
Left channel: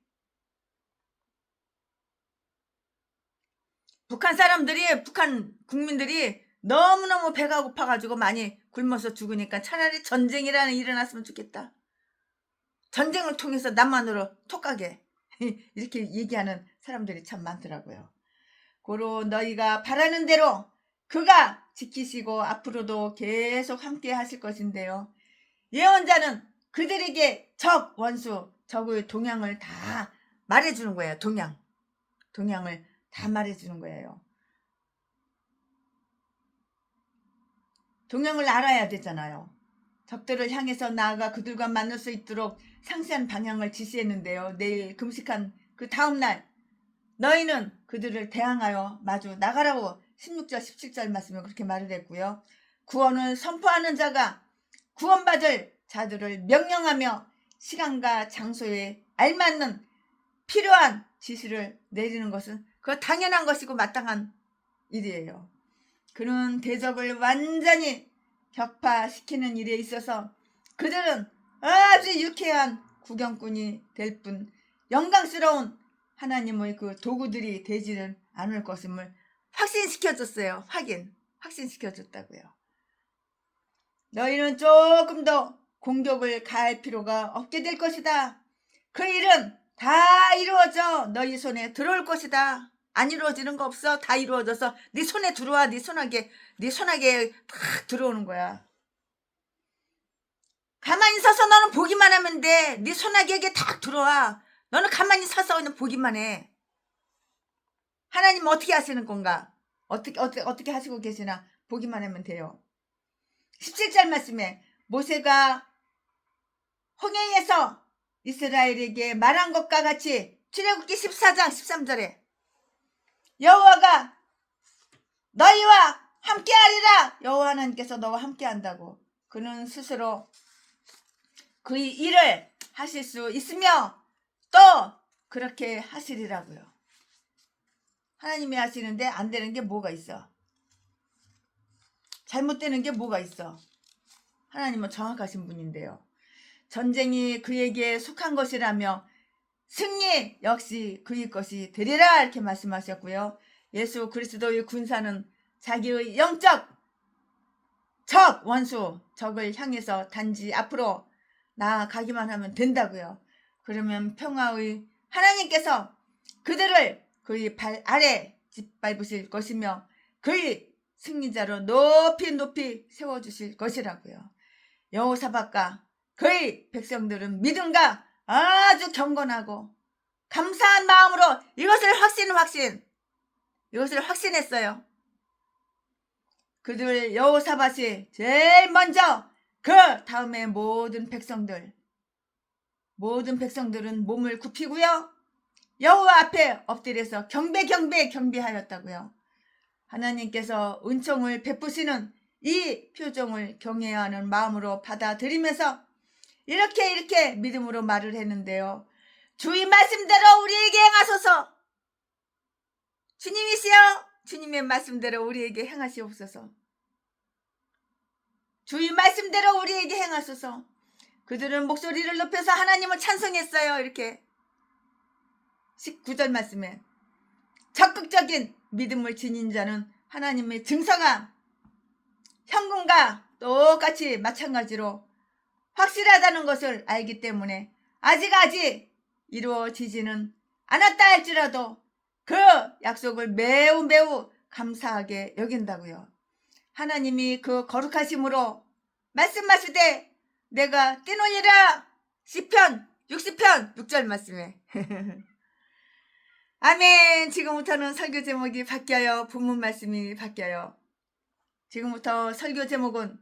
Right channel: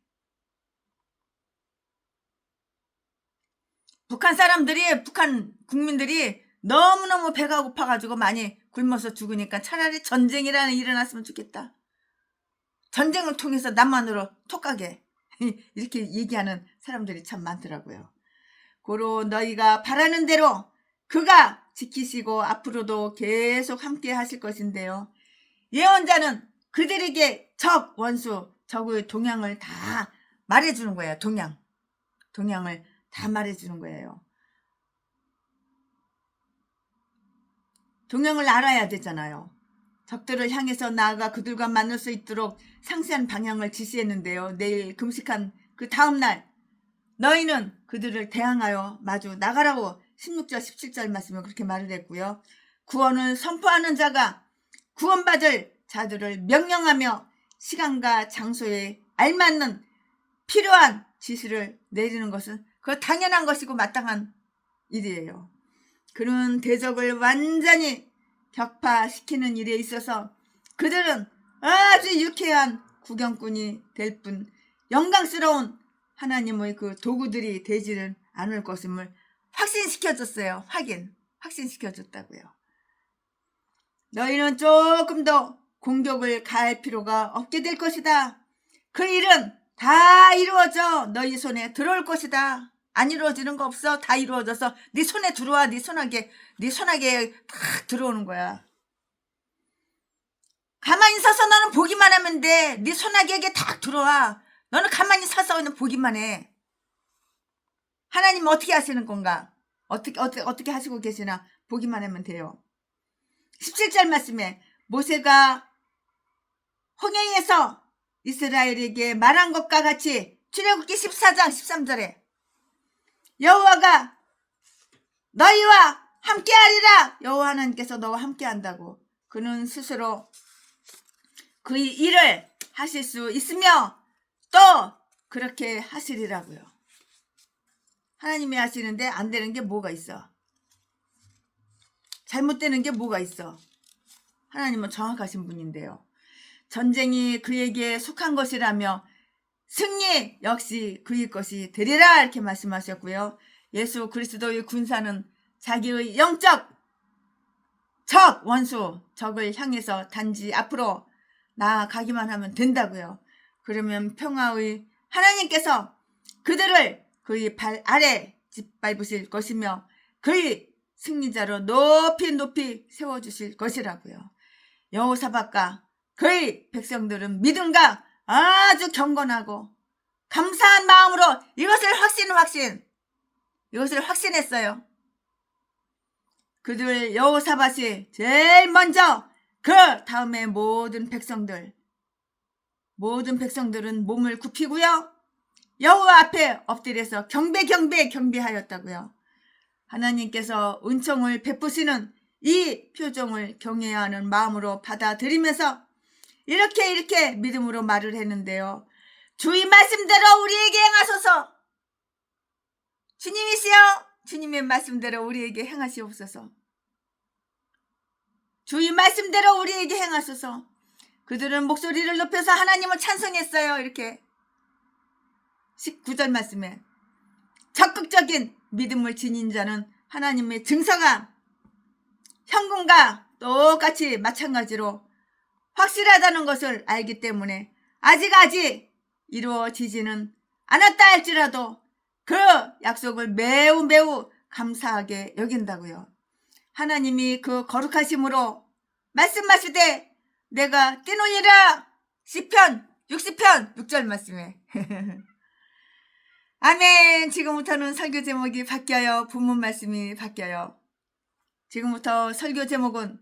북한 국민들이 너무너무 배가 고파가지고 많이 굶어서 죽으니까 차라리 전쟁이라는 일이 일어났으면 좋겠다. 전쟁을 통해서 남한으로 톡가게 이렇게 얘기하는 사람들이 참 많더라고요. 고로 너희가 바라는 대로 그가 지키시고 앞으로도 계속 함께 하실 것인데요. 예언자는 그들에게 원수, 적의 동향을 다 말해주는 거예요. 동향을 다 말해주는 거예요. 동향을 알아야 되잖아요. 적들을 향해서 나아가 그들과 만날 수 있도록 상세한 방향을 지시했는데요. 내일 금식한 그 다음날 너희는 그들을 대항하여 마주 나가라고 16절 17절 말씀을 그렇게 말을 했고요. 구원을 선포하는 자가 구원받을 자들을 명령하며 시간과 장소에 알맞는 필요한 지시를 내리는 것은 그 당연한 것이고 마땅한 일이에요. 그는 대적을 완전히 격파시키는 일에 있어서 그들은 아주 유쾌한 구경꾼이 될 뿐 영광스러운 하나님의 그 도구들이 되지는 않을 것임을 확신시켜줬어요. 확신시켜줬다고요. 너희는 조금 더 공격을 가할 필요가 없게 될 것이다. 그 일은 다 이루어져 너희 손에 들어올 것이다. 안 이루어지는 거 없어. 다 이루어져서 네 손에 들어와. 네 손아귀에 탁 들어오는 거야. 가만히 서서 너는 보기만 하면 돼. 네 손아귀에게 탁 들어와. 너는 가만히 서서 그냥 보기만 해. 하나님 어떻게 하시는 건가? 어떻게 하시고 계시나 보기만 하면 돼요. 17절 말씀에 모세가 홍해에서 이스라엘에게 말한 것과 같이 출애굽기 14장 13절에 여호와가 너희와 함께하리라. 여호와 하나님께서 너와 함께한다고. 그는 스스로 그 일을 하실 수 있으며 또 그렇게 하시리라고요. 하나님이 하시는데 안 되는 게 뭐가 있어? 잘못되는 게 뭐가 있어? 하나님은 정확하신 분인데요. 전쟁이 그에게 속한 것이라며 승리 역시 그의 것이 되리라 이렇게 말씀하셨고요. 예수 그리스도의 군사는 자기의 영적 원수 적을 향해서 단지 앞으로 나아가기만 하면 된다고요. 그러면 평화의 하나님께서 그들을 그의 발 아래 짓밟으실 것이며 그의 승리자로 높이 세워주실 것이라고요. 여호사밧과 그의 백성들은 믿음과 아주 경건하고 감사한 마음으로 이것을 확신했어요. 그들 여호사밧이 제일 먼저 그 다음에 모든 백성들은 몸을 굽히고요. 여호와 앞에 엎드려서 경배하였다고요. 하나님께서 은총을 베푸시는 이 표정을 경외하는 마음으로 받아들이면서 이렇게 믿음으로 말을 했는데요. 주의 말씀대로 우리에게 행하소서. 주님이시여 주님의 말씀대로 우리에게 행하시옵소서. 주의 말씀대로 우리에게 행하소서. 그들은 목소리를 높여서 하나님을 찬송했어요. 이렇게 19절 말씀에 적극적인 믿음을 지닌 자는 하나님의 증서가 현금과 똑같이 마찬가지로 확실하다는 것을 알기 때문에 아직 이루어지지는 않았다 할지라도 그 약속을 매우 감사하게 여긴다고요. 하나님이 그 거룩하심으로 말씀하시되 내가 뛰놀리라. 시편 60편 6절 말씀에 아멘. 지금부터는 설교 제목이 바뀌어요. 본문 말씀이 바뀌어요. 지금부터 설교 제목은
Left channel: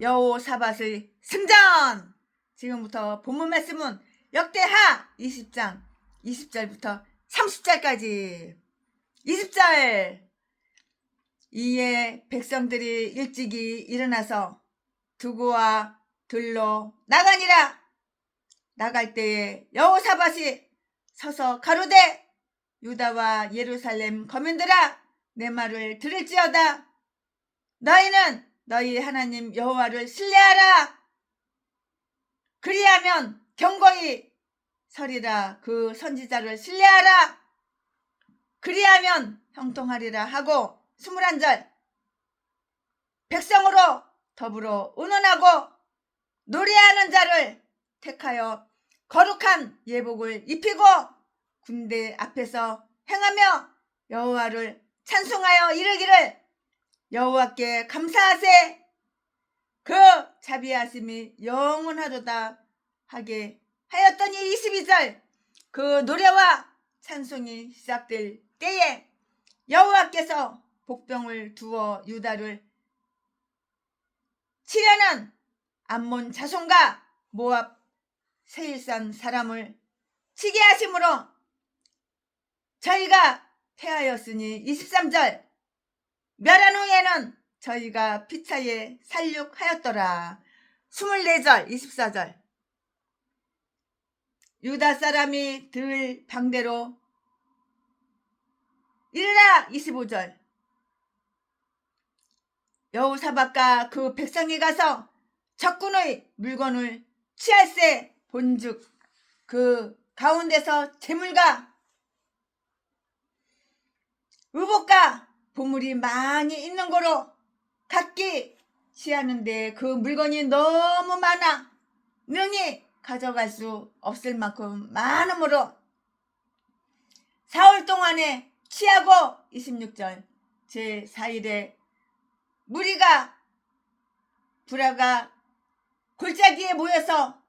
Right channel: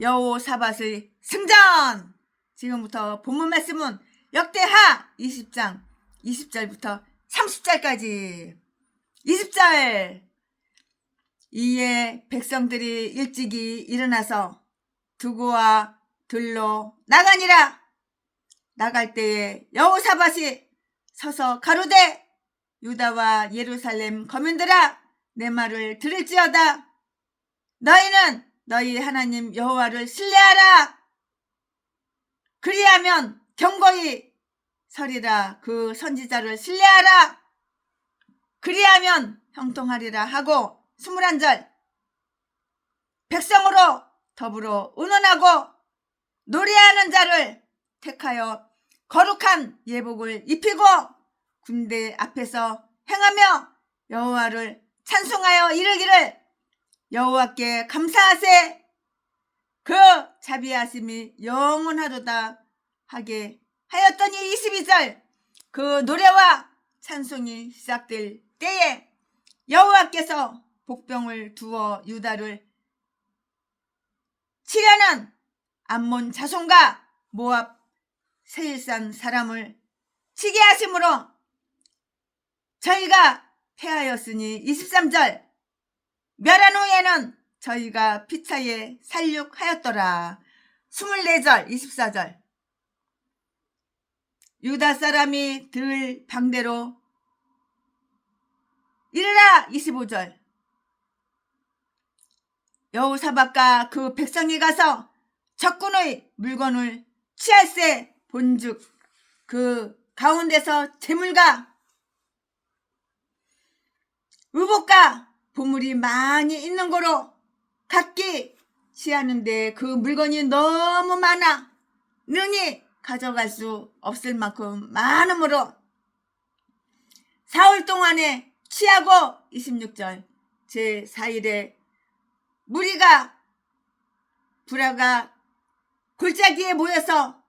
여호사밧의 승전. 지금부터 본문 말씀은 역대하 20장 20절부터 30절까지. 20절. 이에 백성들이 일찍이 일어나서 두구와 들로 나가니라. 나갈 때에 여호사밧이 서서 가로되 유다와 예루살렘 거민들아 내 말을 들을지어다. 너희는 너희 하나님 여호와를 신뢰하라. 그리하면 경고히 서리라. 그 선지자를 신뢰하라. 그리하면 형통하리라 하고 21절. 백성으로 더불어 의논하고 노래하는 자를 택하여 거룩한 예복을 입히고 군대 앞에서 행하며 여호와를 찬송하여 이르기를 여호와께 감사하세. 그 자비하심이 영원하도다 하게 하였더니 22절. 그 노래와 찬송이 시작될 때에 여호와께서 복병을 두어 유다를 치려는 암몬 자손과 모압 세일산 사람을 치게 하심으로 저희가 패하였으니 23절. 멸한 후에는 저희가 피차에 살육하였더라. 24절 24절. 유다 사람이 들 방대로 이르라. 25절. 여호사밧과 그 백성이 가서 적군의 물건을 취할세 본즉 그 가운데서 재물과 의복과 보물이 많이 있는 거로 각기 취하는데 그 물건이 너무 많아 능히 가져갈 수 없을 만큼 많으므로 사흘 동안에 취하고 26절 제4일에 무리가 불화가 골짜기에 모여서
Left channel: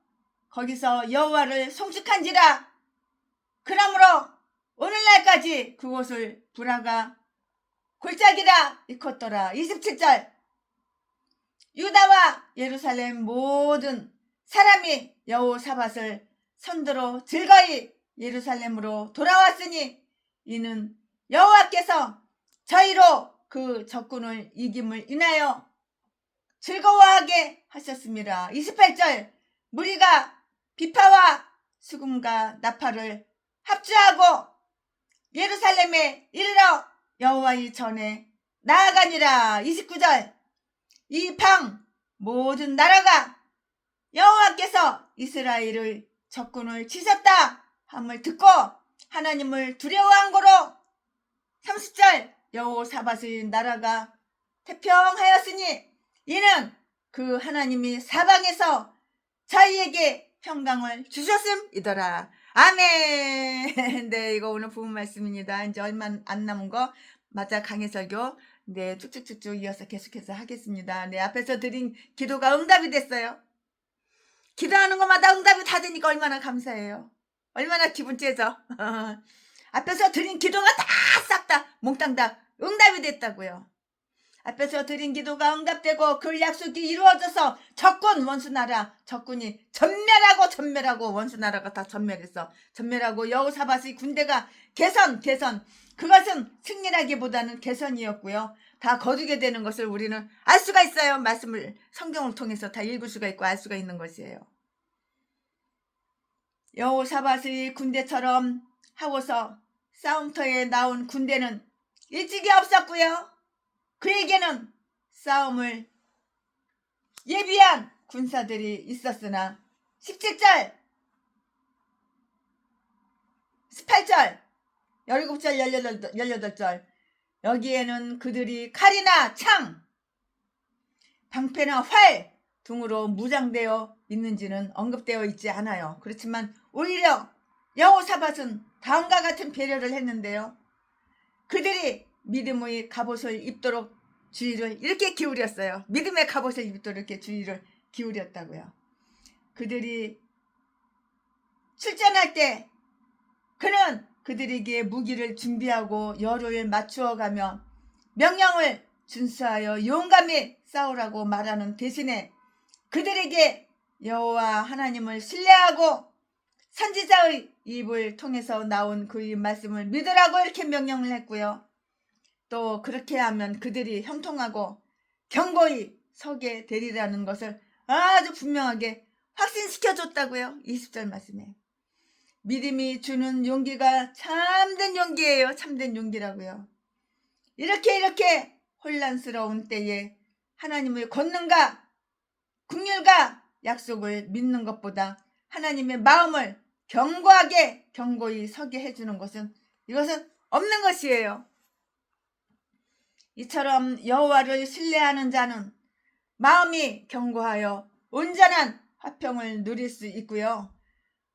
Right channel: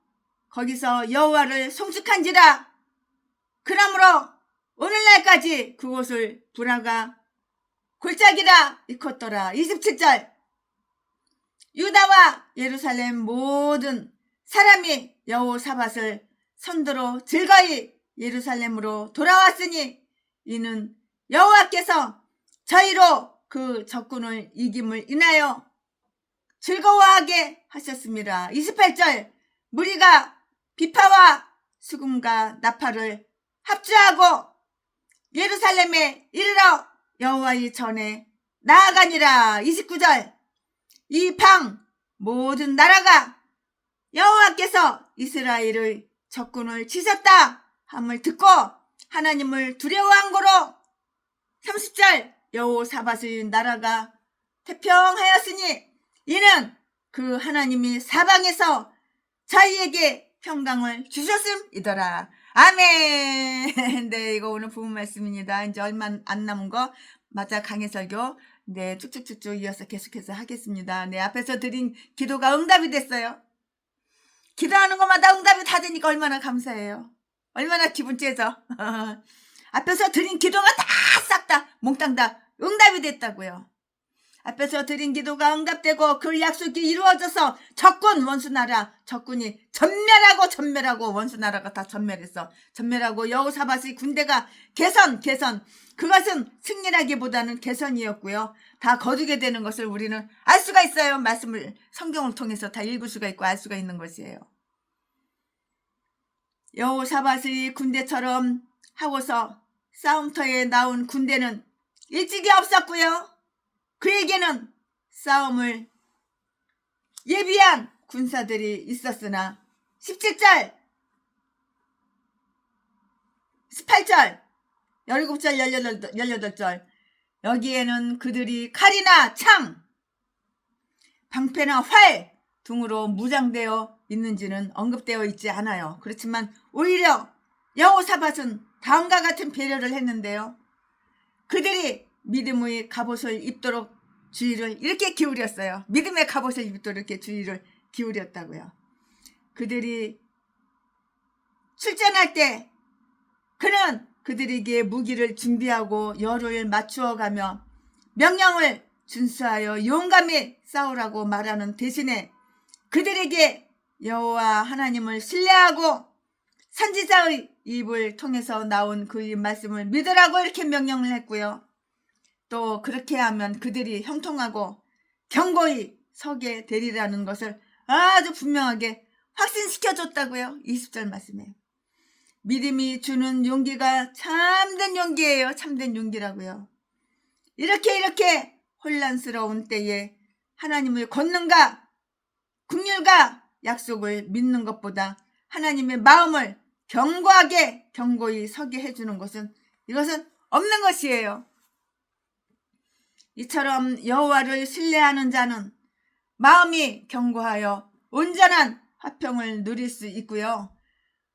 거기서 여호와를 송축한지라. 그러므로 오늘날까지 그곳을 불화가 골짜기라 일컫더라. 27절 유다와 예루살렘 모든 사람이 여호사밧을 선두로 즐거이 예루살렘으로 돌아왔으니 이는 여호와께서 저희로 그 적군을 이김을 인하여 즐거워하게 하셨습니다. 28절 무리가 비파와 수금과 나팔을 합주하고 예루살렘에 이르러 여호와의 전에 나아가니라. 29절 이 방 모든 나라가 여호와께서 이스라엘의 적군을 치셨다 함을 듣고 하나님을 두려워한 고로 30절 여호사밧의 나라가 태평하였으니 이는 그 하나님이 사방에서 저희에게 평강을 주셨음이더라. 아멘. 네, 이거 오늘 부분 말씀입니다. 이제 얼마 안 남은 거 맞아 강해설교 네 쭉쭉쭉쭉 이어서 계속해서 하겠습니다. 네, 앞에서 드린 기도가 응답이 됐어요. 기도하는 것마다 응답이 다 되니까 얼마나 감사해요. 얼마나 기분 째져. 앞에서 드린 기도가 다 싹 다 몽땅 다 응답이 됐다고요. 앞에서 드린 기도가 응답되고 그 약속이 이루어져서 적군 원수나라 적군이 전멸하고 원수나라가 다 전멸했어. 전멸하고 여호사밧의 군대가 개선 그것은 승리라기보다는 개선이었고요. 다 거두게 되는 것을 우리는 알 수가 있어요. 말씀을 성경을 통해서 다 읽을 수가 있고 알 수가 있는 것이에요. 여호사밧의 군대처럼 하고서 싸움터에 나온 군대는 일찍이 없었고요. 그에게는 싸움을 예비한 군사들이 있었으나 17절 18절 17절 18절 여기에는 그들이 칼이나 창 방패나 활 등으로 무장되어 있는지는 언급되어 있지 않아요. 그렇지만 오히려 여호사밧은 다음과 같은 배려를 했는데요. 그들이 믿음의 갑옷을 입도록 주의를 이렇게 기울였어요. 믿음의 갑옷을 입도록 이렇게 주의를 기울였다고요. 그들이 출전할 때 그는 그들에게 무기를 준비하고 열을 맞추어 가며 명령을 준수하여 용감히 싸우라고 말하는 대신에 그들에게 여호와 하나님을 신뢰하고 선지자의 입을 통해서 나온 그의 말씀을 믿으라고 이렇게 명령을 했고요. 또 그렇게 하면 그들이 형통하고 견고히 서게 되리라는 것을 아주 분명하게 확신시켜줬다고요. 20절 말씀에. 믿음이 주는 용기가 참된 용기예요. 참된 용기라고요. 이렇게 혼란스러운 때에 하나님의 권능과 긍휼과 약속을 믿는 것보다 하나님의 마음을 견고히 서게 해주는 것은 이것은 없는 것이에요. 이처럼 여호와를 신뢰하는 자는 마음이 견고하여 온전한 화평을 누릴 수 있고요.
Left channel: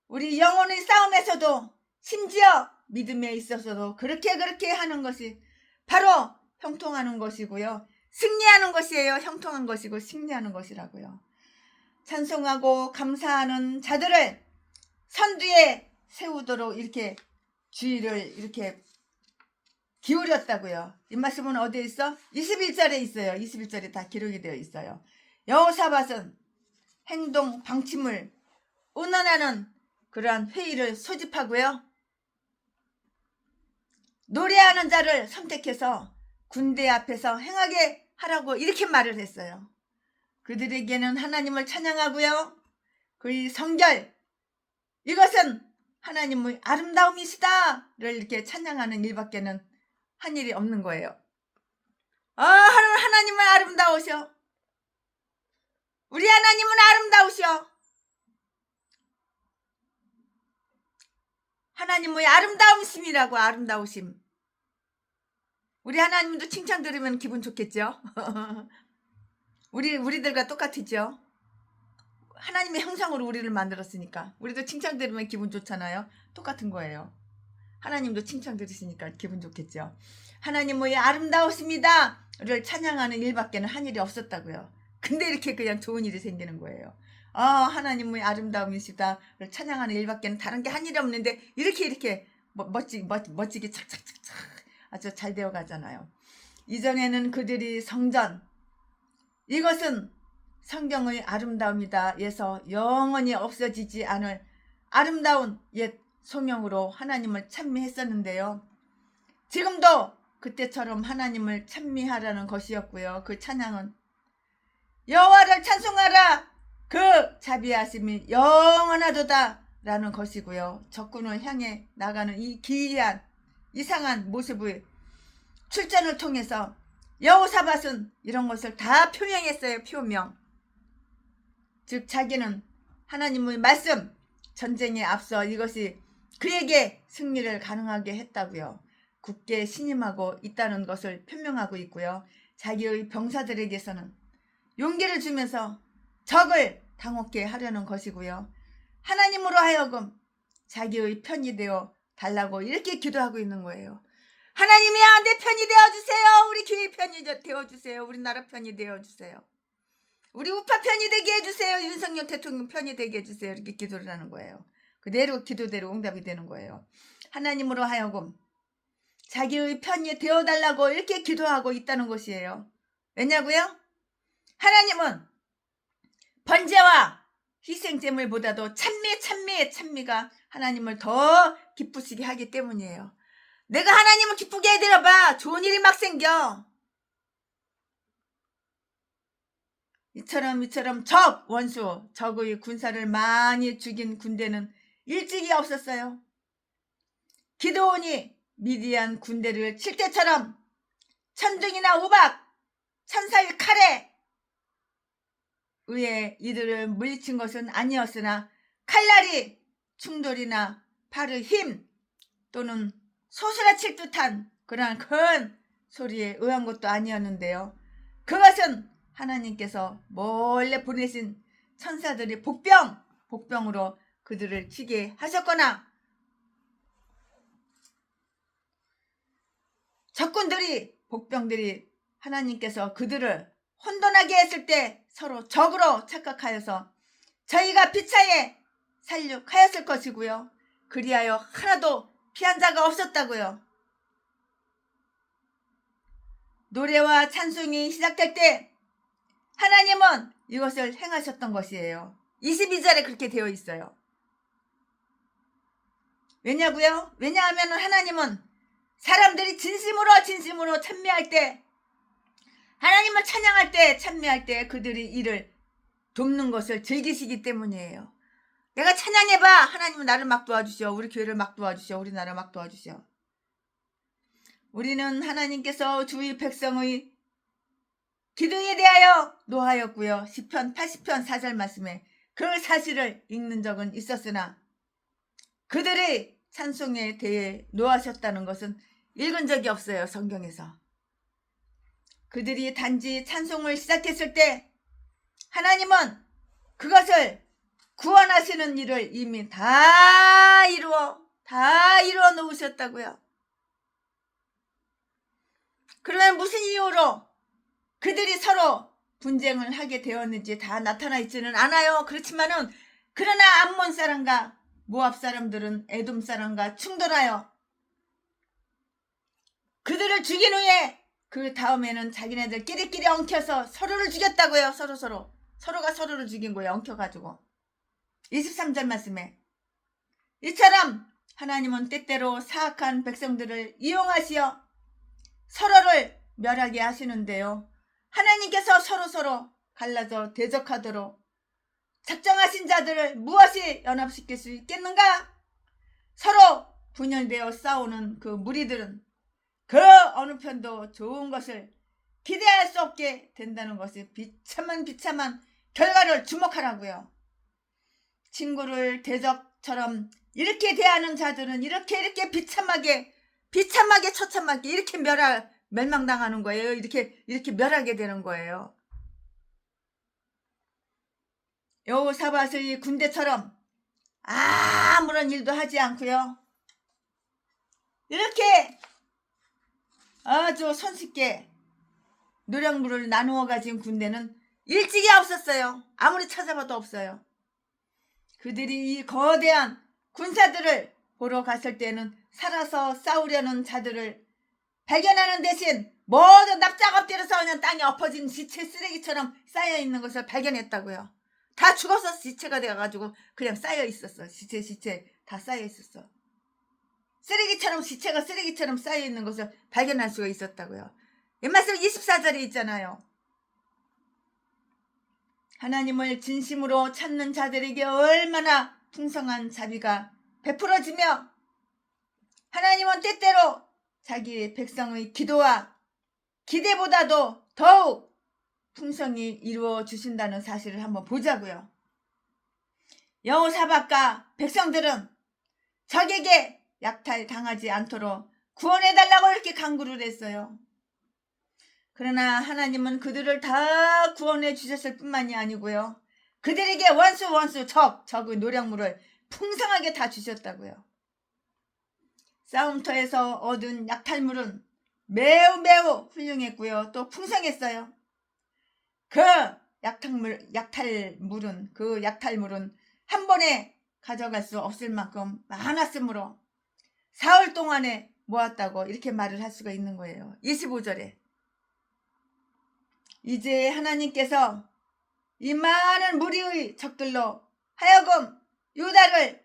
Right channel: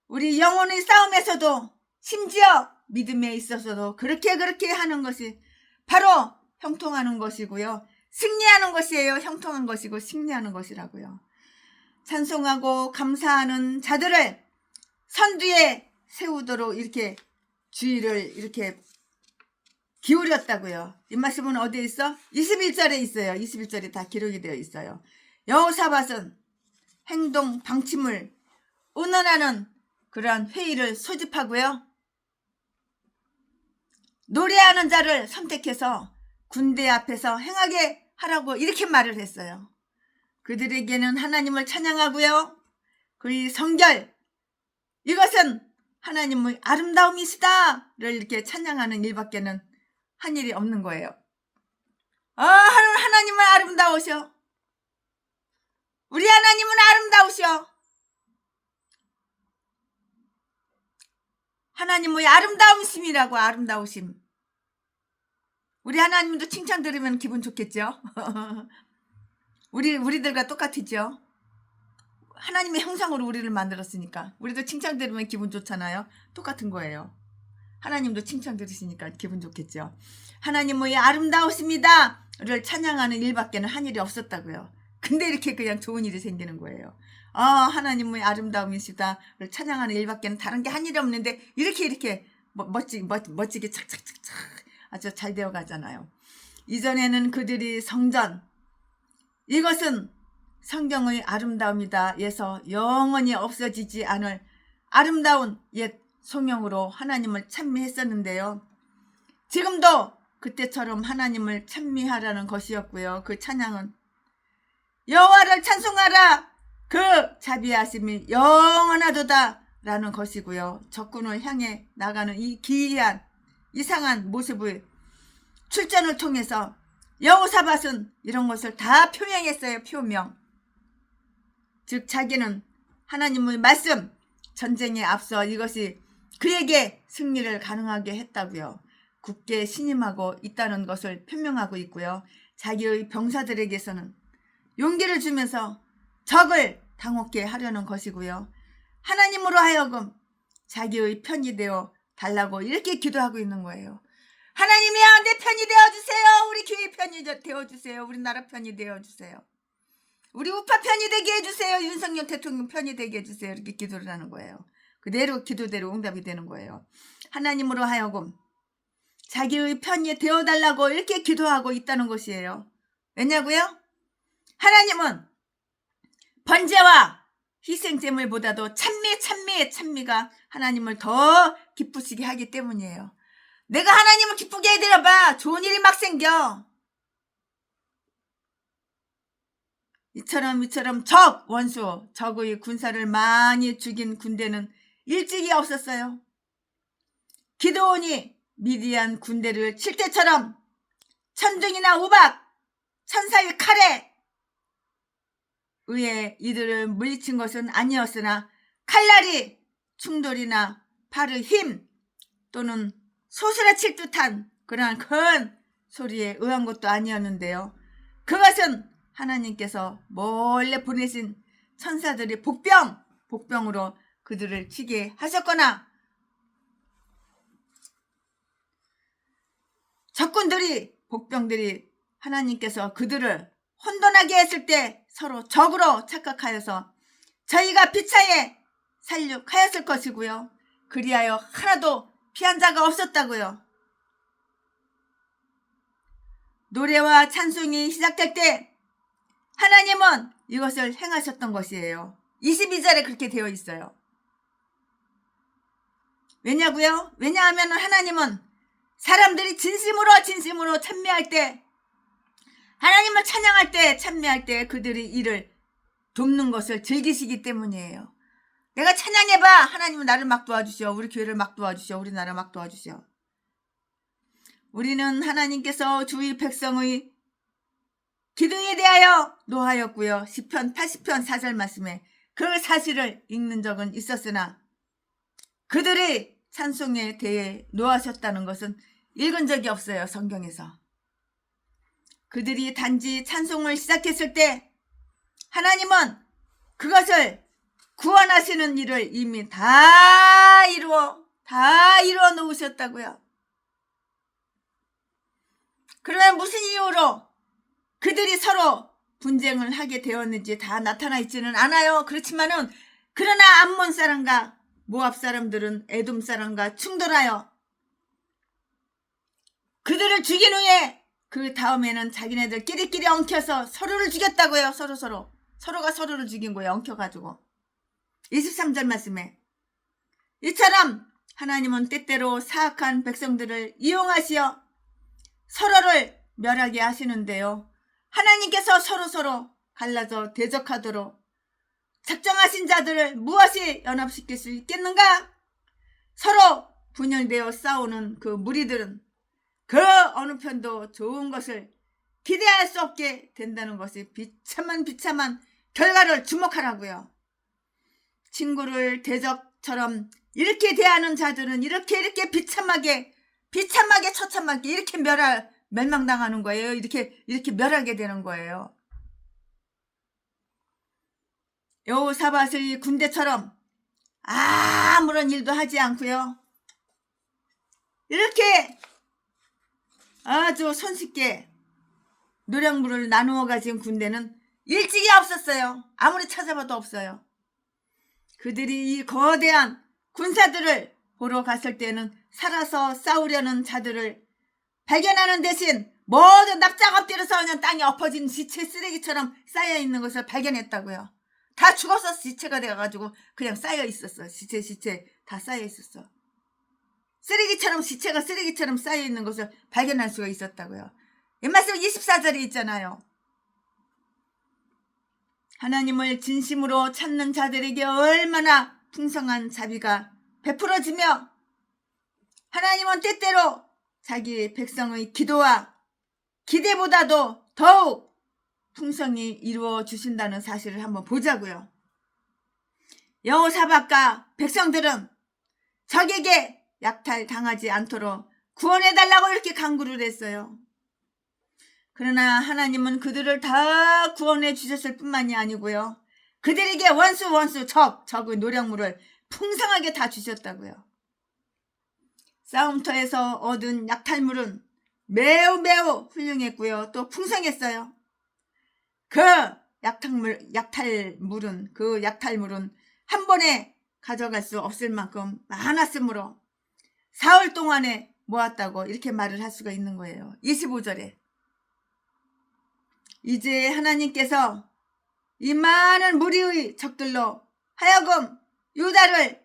우리 영혼의 싸움에서도 심지어 믿음에 있어서도 그렇게 하는 것이 바로 형통하는 것이고요. 승리하는 것이에요. 형통한 것이고 승리하는 것이라고요. 찬송하고 감사하는 자들을 선두에 세우도록 이렇게 주의를 이렇게 기울였다고요. 이 말씀은 어디에 있어? 21절에 있어요. 21절에 다 기록이 되어 있어요. 여호사밧은 행동 방침을 의논하는 그러한 회의를 소집하고요. 노래하는 자를 선택해서 군대 앞에서 행하게 하라고 이렇게 말을 했어요. 그들에게는 하나님을 찬양하고요. 그의 성결 이것은 하나님의 아름다움이시다를 이렇게 찬양하는 일밖에는 한 일이 없는 거예요. 하나님은 아름다우셔. 우리 하나님은 아름다우셔. 하나님의 아름다움심이라고. 아름다우심. 우리 하나님도 칭찬 들으면 기분 좋겠죠. 우리들과 똑같죠. 하나님의 형상으로 우리를 만들었으니까 우리도 칭찬 들으면 기분 좋잖아요. 똑같은 거예요. 하나님도 칭찬 들으시니까 기분 좋겠죠. 하나님의 아름다우십니다를 찬양하는 일밖에는 한 일이 없었다고요. 근데 이렇게 그냥 좋은 일이 생기는 거예요. 하나님의 아름다움이시다를 찬양하는 일밖에는 다른 게 한 일이 없는데 이렇게 멋지게 착착착착 아주 잘 되어 가잖아요. 이전에는 그들이 성전, 이것은 성경의 아름다움이다에서 영원히 없어지지 않을 아름다운 옛 소명으로 하나님을 찬미했었는데요. 지금도 그때처럼 하나님을 찬미하라는 것이었고요. 그 찬양은 여호와를 찬송하라, 그 자비하심이 영원하도다 라는 것이고요. 적군을 향해 나가는 이 기이한 이상한 모습의 출전을 통해서 여호사밧은 이런 것을 다 표명했어요. 표명. 즉 자기는 하나님의 말씀, 전쟁에 앞서 이것이 그에게 승리를 가능하게 했다고요. 굳게 신임하고 있다는 것을 표명하고 있고요. 자기의 병사들에게서는 용기를 주면서 적을 당혹게 하려는 것이고요. 하나님으로 하여금 자기의 편이 되어 달라고 이렇게 기도하고 있는 거예요. 하나님이야, 내 편이 되어주세요. 우리 교회 편이 되어주세요. 우리나라 편이 되어주세요. 우리 우파 편이 되게 해주세요. 윤석열 대통령 편이 되게 해주세요. 이렇게 기도를 하는 거예요. 그대로 기도대로 응답이 되는 거예요. 하나님으로 하여금 자기의 편이 되어달라고 이렇게 기도하고 있다는 것이에요. 왜냐고요? 하나님은 번제와 희생제물보다도 찬미가 하나님을 더 기쁘시게 하기 때문이에요. 내가 하나님을 기쁘게 해드려봐. 좋은 일이 막 생겨. 이처럼 적의 군사를 많이 죽인 군대는 일찍이 없었어요. 기드온이 미디안 군대를 칠 때처럼 천둥이나 우박, 천사의 칼에 의해 이들을 물리친 것은 아니었으나 칼날이 충돌이나 팔의 힘 또는 소스라 칠 듯한 그러한 큰 소리에 의한 것도 아니었는데요. 그것은 하나님께서 몰래 보내신 천사들이 복병으로 그들을 치게 하셨거나 복병들이 하나님께서 그들을 혼돈하게 했을 때 서로 적으로 착각하여서 저희가 피차에 살육하였을 것이고요. 그리하여 하나도 피한 자가 없었다고요. 노래와 찬송이 시작될 때 하나님은 이것을 행하셨던 것이에요. 22절에 그렇게 되어 있어요. 왜냐고요? 왜냐하면 하나님은 사람들이 진심으로 찬미할 때, 하나님을 찬양할 때, 찬미할 때 그들이 이를 돕는 것을 즐기시기 때문이에요. 내가 찬양해봐. 하나님은 나를 막 도와주시오. 우리 교회를 막 도와주시오. 우리나라 막 도와주시오. 우리는 하나님께서 주의 백성의 기도에 대하여 노하였고요. 시편 80편 4절 말씀에 그 사실을 읽는 적은 있었으나 그들이 찬송에 대해 노하셨다는 것은 읽은 적이 없어요. 성경에서. 그들이 단지 찬송을 시작했을 때 하나님은 그것을 구원하시는 일을 이미 다 이루어 놓으셨다고요. 그러면 무슨 이유로 그들이 서로 분쟁을 하게 되었는지 다 나타나 있지는 않아요. 그러나 암몬 사람과 모압 사람들은 에돔 사람과 충돌하여 그들을 죽인 후에 그 다음에는 자기네들 끼리끼리 엉켜서 서로를 죽였다고요. 서로가 서로를 죽인 거예요. 엉켜가지고. 23절 말씀에 이처럼 하나님은 때때로 사악한 백성들을 이용하시어 서로를 멸하게 하시는데요. 하나님께서 서로 갈라져 대적하도록 작정하신 자들을 무엇이 연합시킬 수 있겠는가? 서로 분열되어 싸우는 그 무리들은 그 어느 편도 좋은 것을 기대할 수 없게 된다는 것이 비참한 결과를 주목하라고요. 친구를 대적처럼 이렇게 대하는 자들은 이렇게 비참하게 처참하게 이렇게 멸망당하는 거예요. 이렇게 멸하게 되는 거예요. 여호사밧의 군대처럼 아무런 일도 하지 않고요. 이렇게 아주 손쉽게 노량물을 나누어 가진 군대는 일찍이 없었어요. 아무리 찾아봐도 없어요. 그들이 이 거대한 군사들을 보러 갔을 때는 살아서 싸우려는 자들을 발견하는 대신 모두 납작 엎드려서 그냥 땅에 엎어진 시체 쓰레기처럼 쌓여있는 것을 발견했다고요. 다 죽어서 시체가 돼가지고 그냥 쌓여있었어. 시체 다 쌓여있었어. 시체가 쓰레기처럼 쌓여있는 것을 발견할 수가 있었다고요. 말씀 24절에 있잖아요. 하나님을 진심으로 찾는 자들에게 얼마나 풍성한 자비가 베풀어지며 하나님은 때때로 자기 백성의 기도와 기대보다도 더욱 풍성히 이루어 주신다는 사실을 한번 보자고요. 여호사밧과 백성들은 적에게 약탈당하지 않도록 구원해달라고 이렇게 간구를 했어요. 그러나 하나님은 그들을 다 구원해 주셨을 뿐만이 아니고요. 그들에게 적의 노량물을 풍성하게 다 주셨다고요. 싸움터에서 얻은 약탈물은 매우 훌륭했고요. 또 풍성했어요. 그 약탈물은 한 번에 가져갈 수 없을 만큼 많았으므로 사흘 동안에 모았다고 이렇게 말을 할 수가 있는 거예요. 25절에 이제 하나님께서 이 많은 무리의 적들로 하여금 유다를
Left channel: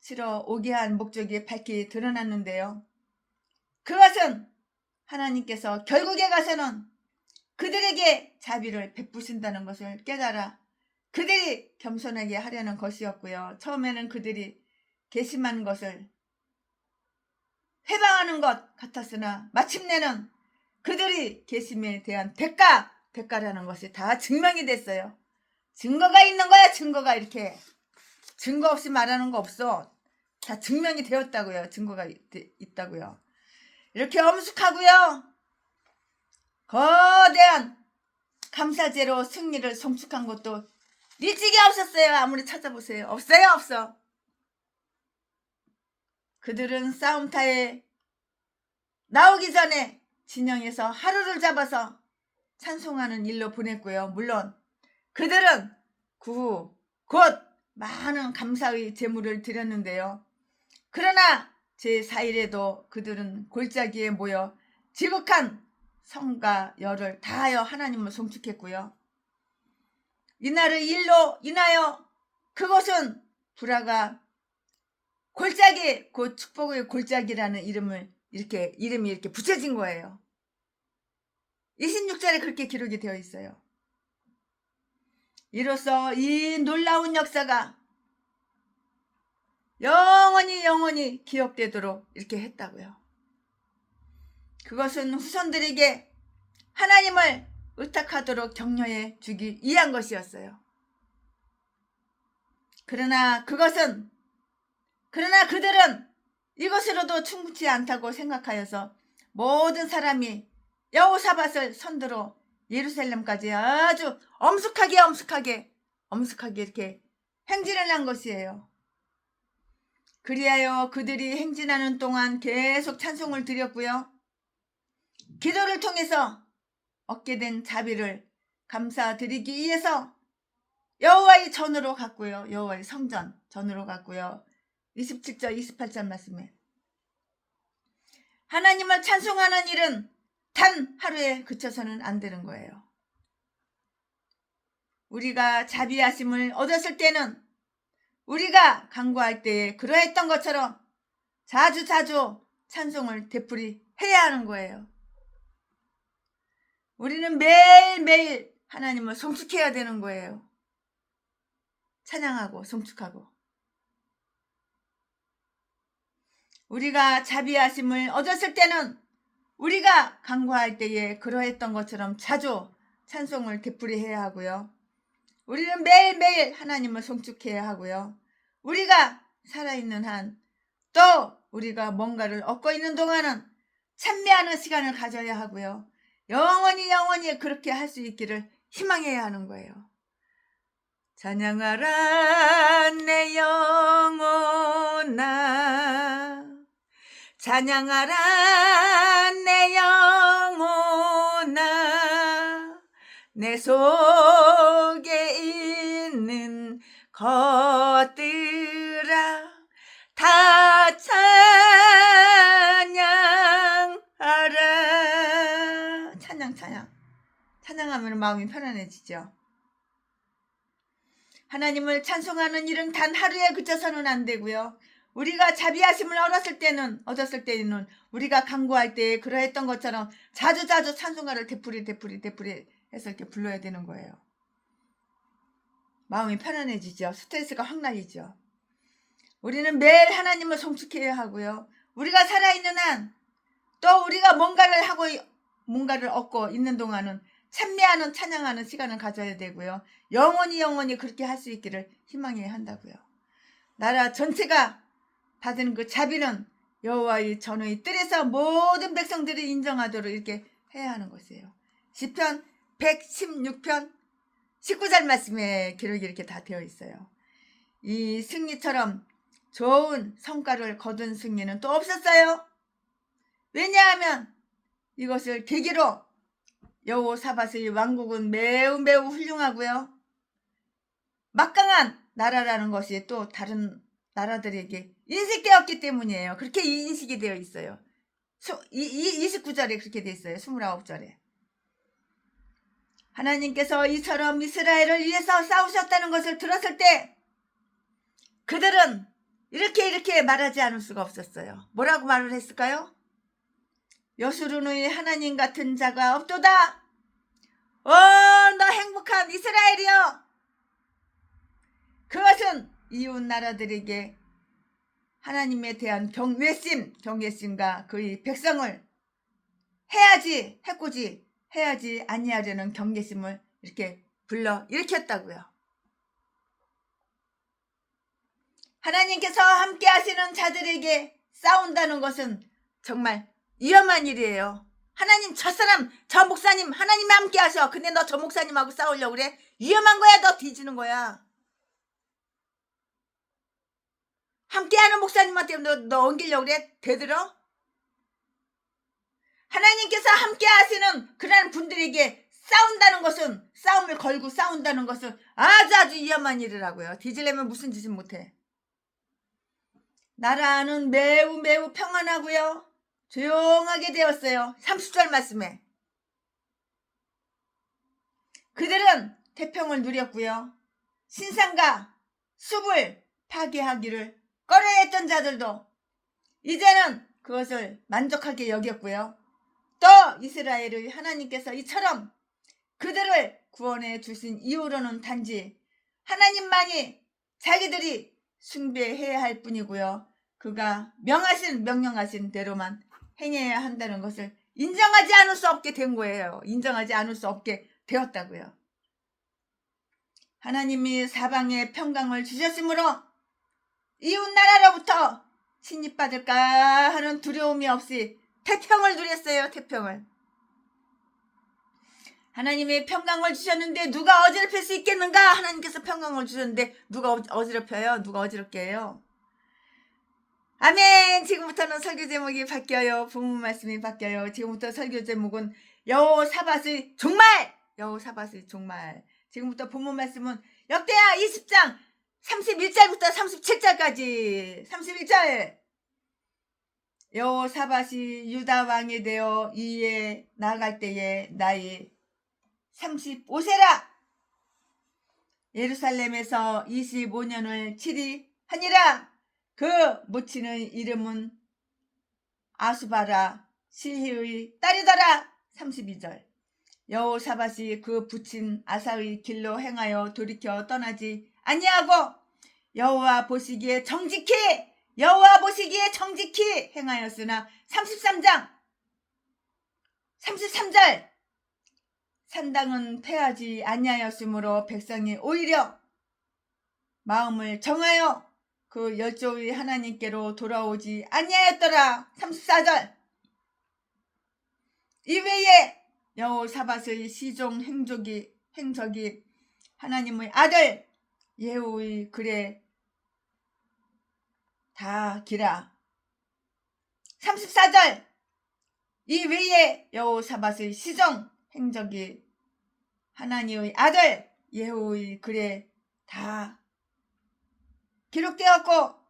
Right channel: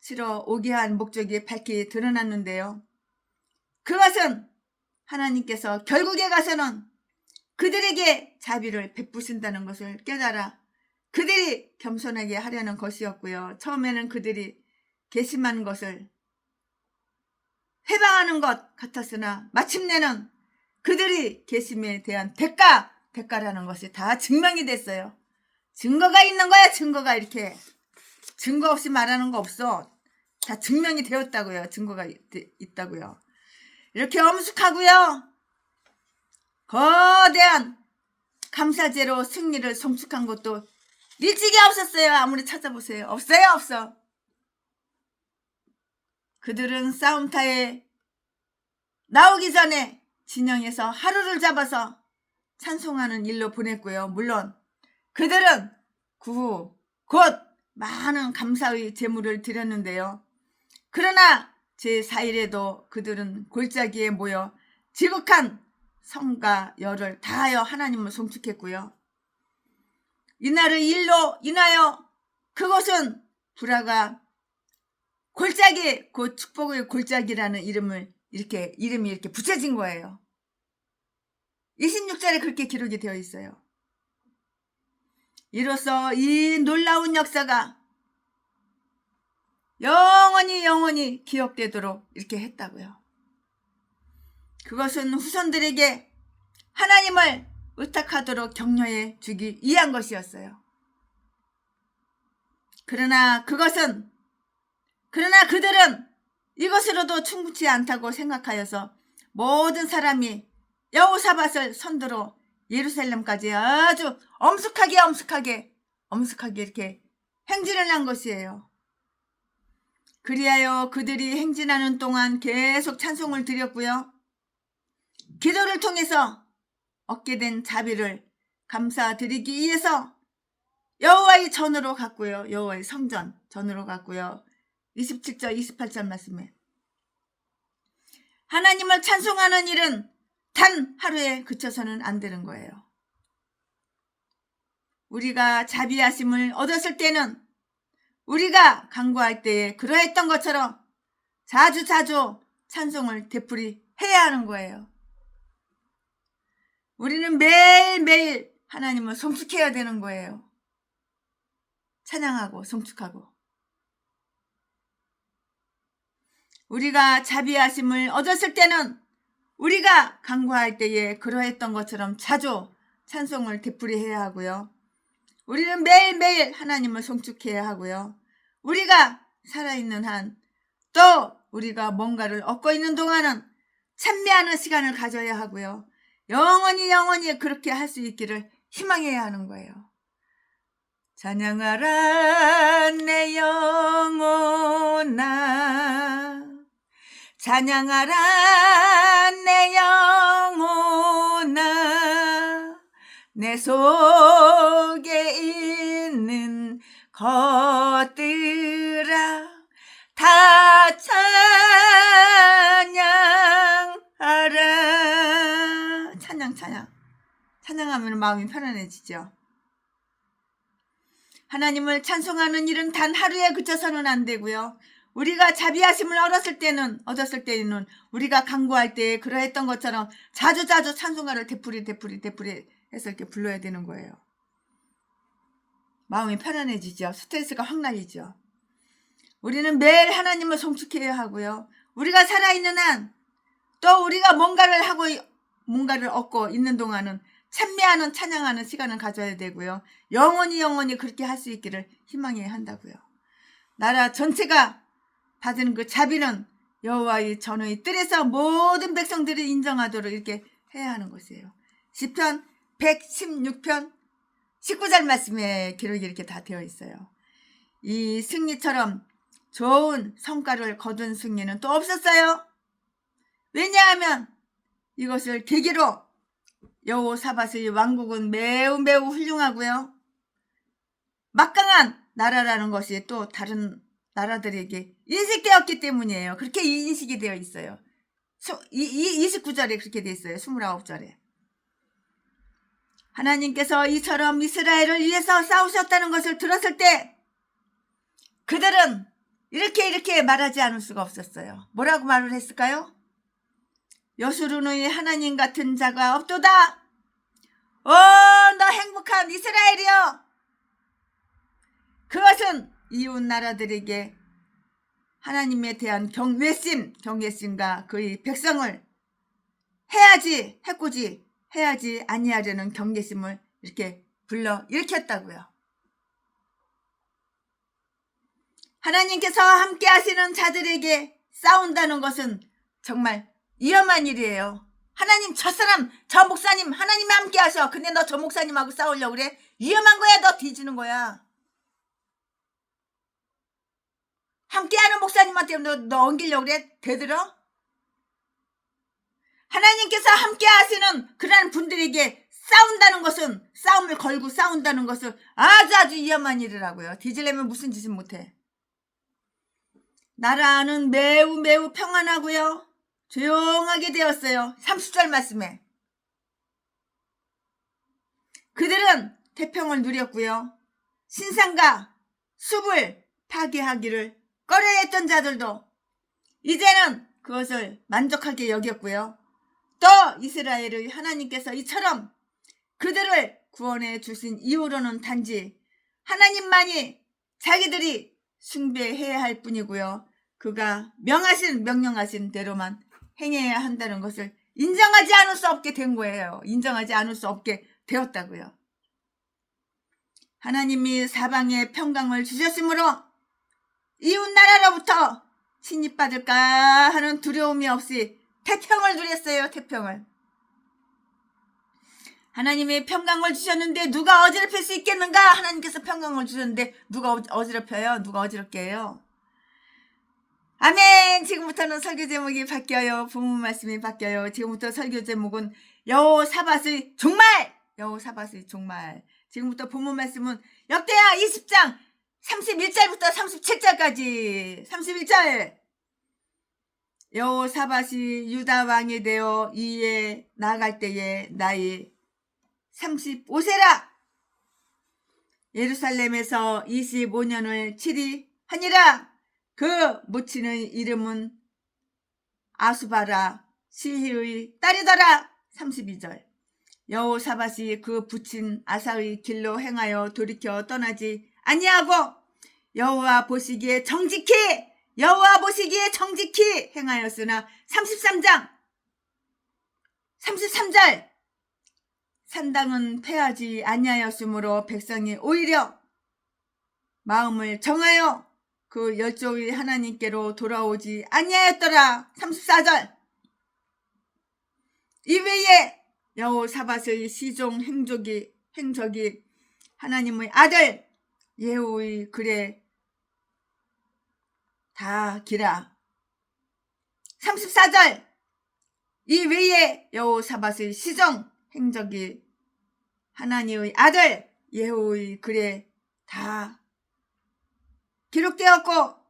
치러 오게 한 목적이 밝히 드러났는데요. 그것은 하나님께서 결국에 가서는 그들에게 자비를 베푸신다는 것을 깨달아 그들이 겸손하게 하려는 것이었고요. 처음에는 그들이 괘씸한 것을 회방하는 것 같았으나 마침내는 그들이 괘씸에 대한 대가라는 것이 다 증명이 됐어요. 증거가 있는 거야. 증거가 이렇게 증거 없이 말하는 거 없어. 다 증명이 되었다고요. 증거가 있다고요. 이렇게 엄숙하고요. 거대한 감사제로 승리를 성축한 것도 일찍이 없었어요. 아무리 찾아보세요. 없어. 그들은 싸움터에 나오기 전에 진영에서 하루를 잡아서 찬송하는 일로 보냈고요. 물론 그들은 그 후 곧 많은 감사의 제물을 드렸는데요. 그러나 제4일에도 그들은 골짜기에 모여 지극한 성과 열을 다하여 하나님을 송축했고요. 이날의 일로 인하여 그곳은 불화가 골짜기, 곧 축복의 골짜기라는 이름이 이렇게 붙여진 거예요. 26절에 그렇게 기록이 되어 있어요. 이로써 이 놀라운 역사가 영원히 기억되도록 이렇게 했다고요. 그것은 후손들에게 하나님을 의탁하도록 격려해 주기 위한 것이었어요. 그러나 그들은 이것으로도 충분치 않다고 생각하여서 모든 사람이 여호사밧을 선두로 예루살렘까지 아주 엄숙하게 이렇게 행진을 한 것이에요. 그리하여 그들이 행진하는 동안 계속 찬송을 드렸고요. 기도를 통해서 얻게 된 자비를 감사드리기 위해서 여호와의 전으로 갔고요. 여호와의 성전 전으로 갔고요. 27절 28절 말씀에 하나님을 찬송하는 일은 단 하루에 그쳐서는 안 되는 거예요. 우리가 자비하심을 얻었을 때는 우리가 간구할 때에 그러했던 것처럼 자주 찬송을 되풀이 해야 하는 거예요. 우리는 매일매일 하나님을 송축해야 되는 거예요. 찬양하고 송축하고. 우리가 자비하심을 얻었을 때는 우리가 간구할 때에 그러했던 것처럼 자주 찬송을 되풀이해야 하고요. 우리는 매일매일 하나님을 송축해야 하고요. 우리가 살아있는 한 또 우리가 뭔가를 얻고 있는 동안은 찬미하는 시간을 가져야 하고요. 영원히 그렇게 할 수 있기를 희망해야 하는 거예요. 찬양하라 내 영혼아 찬양하라 내 영혼아 내 속에 있는 것들아 다 찬양하라. 찬양하면 마음이 편안해지죠. 하나님을 찬송하는 일은 단 하루에 그쳐서는 안 되고요. 우리가 자비하심을 얻었을 때는 우리가 간구할 때 그러했던 것처럼 자주 찬송가를 되풀이 해서 이렇게 불러야 되는 거예요. 마음이 편안해지죠. 스트레스가 확 날리죠. 우리는 매일 하나님을 송축해야 하고요. 우리가 살아있는 한 또 우리가 뭔가를 얻고 있는 동안은 찬미하는 찬양하는 시간을 가져야 되고요. 영원히 그렇게 할 수 있기를 희망해야 한다고요. 나라 전체가 받은 그 자비는 여호와의 전의 뜰에서 모든 백성들이 인정하도록 이렇게 해야 하는 것이에요. 시편 116편 19절 말씀에 기록이 이렇게 다 되어 있어요. 이 승리처럼 좋은 성과를 거둔 승리는 또 없었어요. 왜냐하면 이것을 계기로 여호사밧의 왕국은 매우 훌륭하고요. 막강한 나라라는 것이 또 다른 나라들에게 인식되었기 때문이에요. 그렇게 인식이 되어 있어요. 29절에 그렇게 되어 있어요. 29절에. 하나님께서 이처럼 이스라엘을 위해서 싸우셨다는 것을 들었을 때 그들은 이렇게 말하지 않을 수가 없었어요. 뭐라고 말을 했을까요? 여수르의 하나님 같은 자가 없도다. 너 행복한 이스라엘이여. 그것은 이웃 나라들에게 하나님에 대한 경외심과 그의 백성을 해코지 해야지 아니하려는 경계심을 이렇게 불러 일으켰다고요. 하나님께서 함께 하시는 자들에게 싸운다는 것은 정말 위험한 일이에요. 하나님 저 목사님 하나님이 함께 하셔. 근데 너 저 목사님하고 싸우려고 그래? 위험한 거야. 너 뒤지는 거야. 함께하는 목사님한테 너 엉기려고 그래? 되들어? 하나님께서 함께 하시는 그런 분들에게 싸움을 걸고 싸운다는 것은 아주 위험한 일이라고요. 뒤지려면 무슨 짓을 못해. 나라는 매우 평안하고요. 조용하게 되었어요. 30절 말씀에. 그들은 태평을 누렸고요. 신상과 숲을 파괴하기를 꺼려했던 자들도 이제는 그것을 만족하게 여겼고요. 또 이스라엘의 하나님께서 이처럼 그들을 구원해 주신 이후로는 단지 하나님만이 자기들이 숭배해야 할 뿐이고요. 그가 명령하신 대로만 행해야 한다는 것을 인정하지 않을 수 없게 된 거예요. 인정하지 않을 수 없게 되었다고요. 하나님이 사방에 평강을 주셨으므로 이웃 나라로부터 침입받을까 하는 두려움이 없이 태평을 누렸어요. 태평을. 하나님이 평강을 주셨는데 누가 어지럽힐 수 있겠는가? 하나님께서 평강을 주셨는데 누가 어지럽혀요? 누가 어지럽게 해요? 아멘. 지금부터는 설교 제목이 바뀌어요. 본문 말씀이 바뀌어요. 지금부터 설교 제목은 여호사밧의 종말. 지금부터 본문 말씀은 역대하 20장 31절부터 37절까지. 31절. 여호사밧이 유다 왕이 되어 이에 나아갈 때에 나이 35세라. 예루살렘에서 25년을 치리하니라. 그 모친의 이름은 아수바라 시히의 딸이더라. 32절. 여호사밧이 그 부친 아사의 길로 행하여 돌이켜 떠나지 아니하고 여호와 보시기에 정직히 행하였으나 33절. 산당은 패하지 아니하였으므로 백성이 오히려 마음을 정하여 그 열조의 하나님께로 돌아오지 아니하였더라. 34절. 이외에 여호사밧의 시종 행적이 하나님의 아들 예후의 글에 다 기라. 34절 이 외에 여호사밧의 시종 행적이 하나니의 아들 예후의 글에 다 기록되었고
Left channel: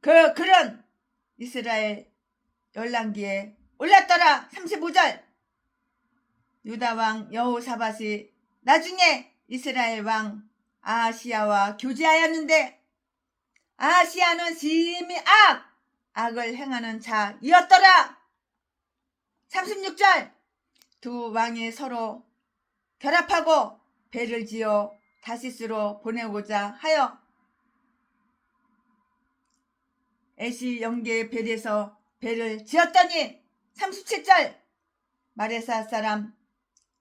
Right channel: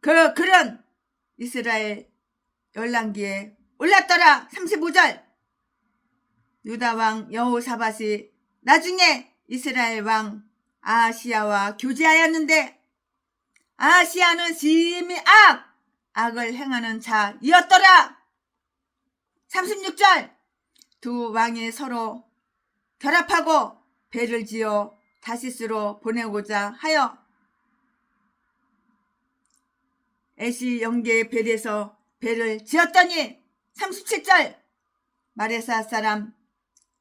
그 글은 이스라엘 열왕기에 올랐더라. 35절 유다왕 여호사밧이 나중에 이스라엘 왕 아하시야와 교제하였는데 아하시야는 심히 악을 행하는 자이었더라. 36절 두 왕이 서로 결합하고 배를 지어 다시스로 보내고자 하여 에시 영계의 벨에서 배를 지었더니 37절 마레사 사람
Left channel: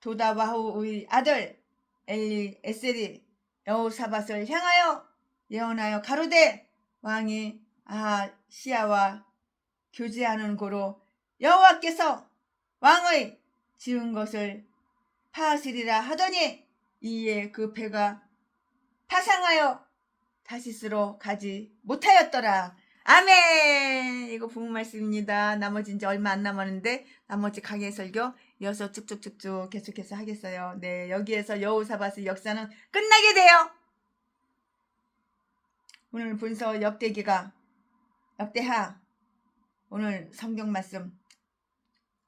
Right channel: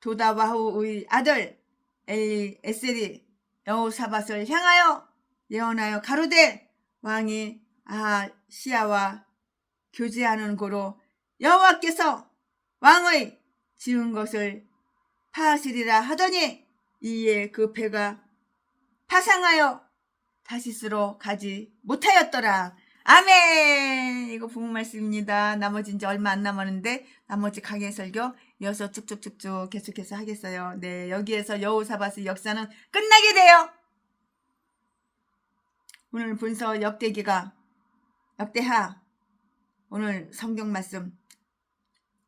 도다와후의 아들 엘리에셀이 여호사밧을 향하여 예언하여 가로되 왕이 아하시야와 교제하는 고로 여호와께서 왕의 지은 것을 파하시리라 하더니 이에 그 배가 파상하여 다시스로 가지 못하였더라. 아멘. 이거 부모 말씀입니다. 나머지 이제 얼마 안 남았는데 나머지 강해 설교 이어서 쭉쭉쭉쭉 계속해서 하겠어요. 네, 여기에서 여호사밧의 역사는 끝나게 돼요. 오늘 본서 역대하 오늘 성경 말씀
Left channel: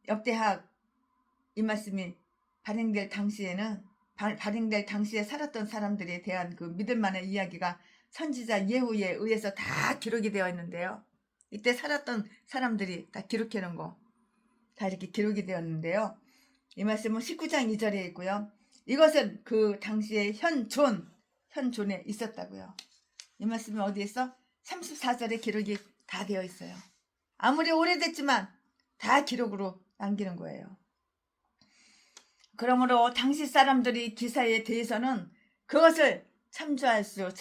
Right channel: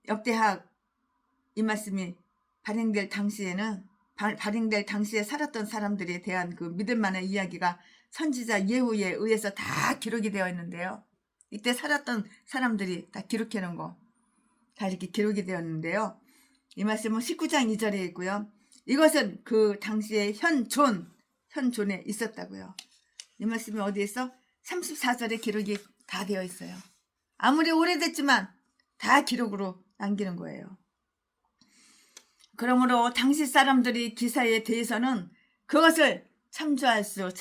역대하 이 말씀이 발행될 당시에 살았던 사람들에 대한 그 믿을만한 이야기가 선지자 예후에 의해서 다 기록이 되어 있는데요. 이때 살았던 사람들이 다 기록해 놓은 거 다 이렇게 기록이 되었는데요. 이 말씀은 19장 2절에 있고요. 이것은 그 당시에 현존에 있었다고요. 이 말씀이 어디에 있어? 34절에 기록이 다 되어 있어요. 아무리 오래됐지만 다 기록으로 남기는 거예요. 그러므로 당시 사람들이 기사에 대해서는 그것을 참조할 수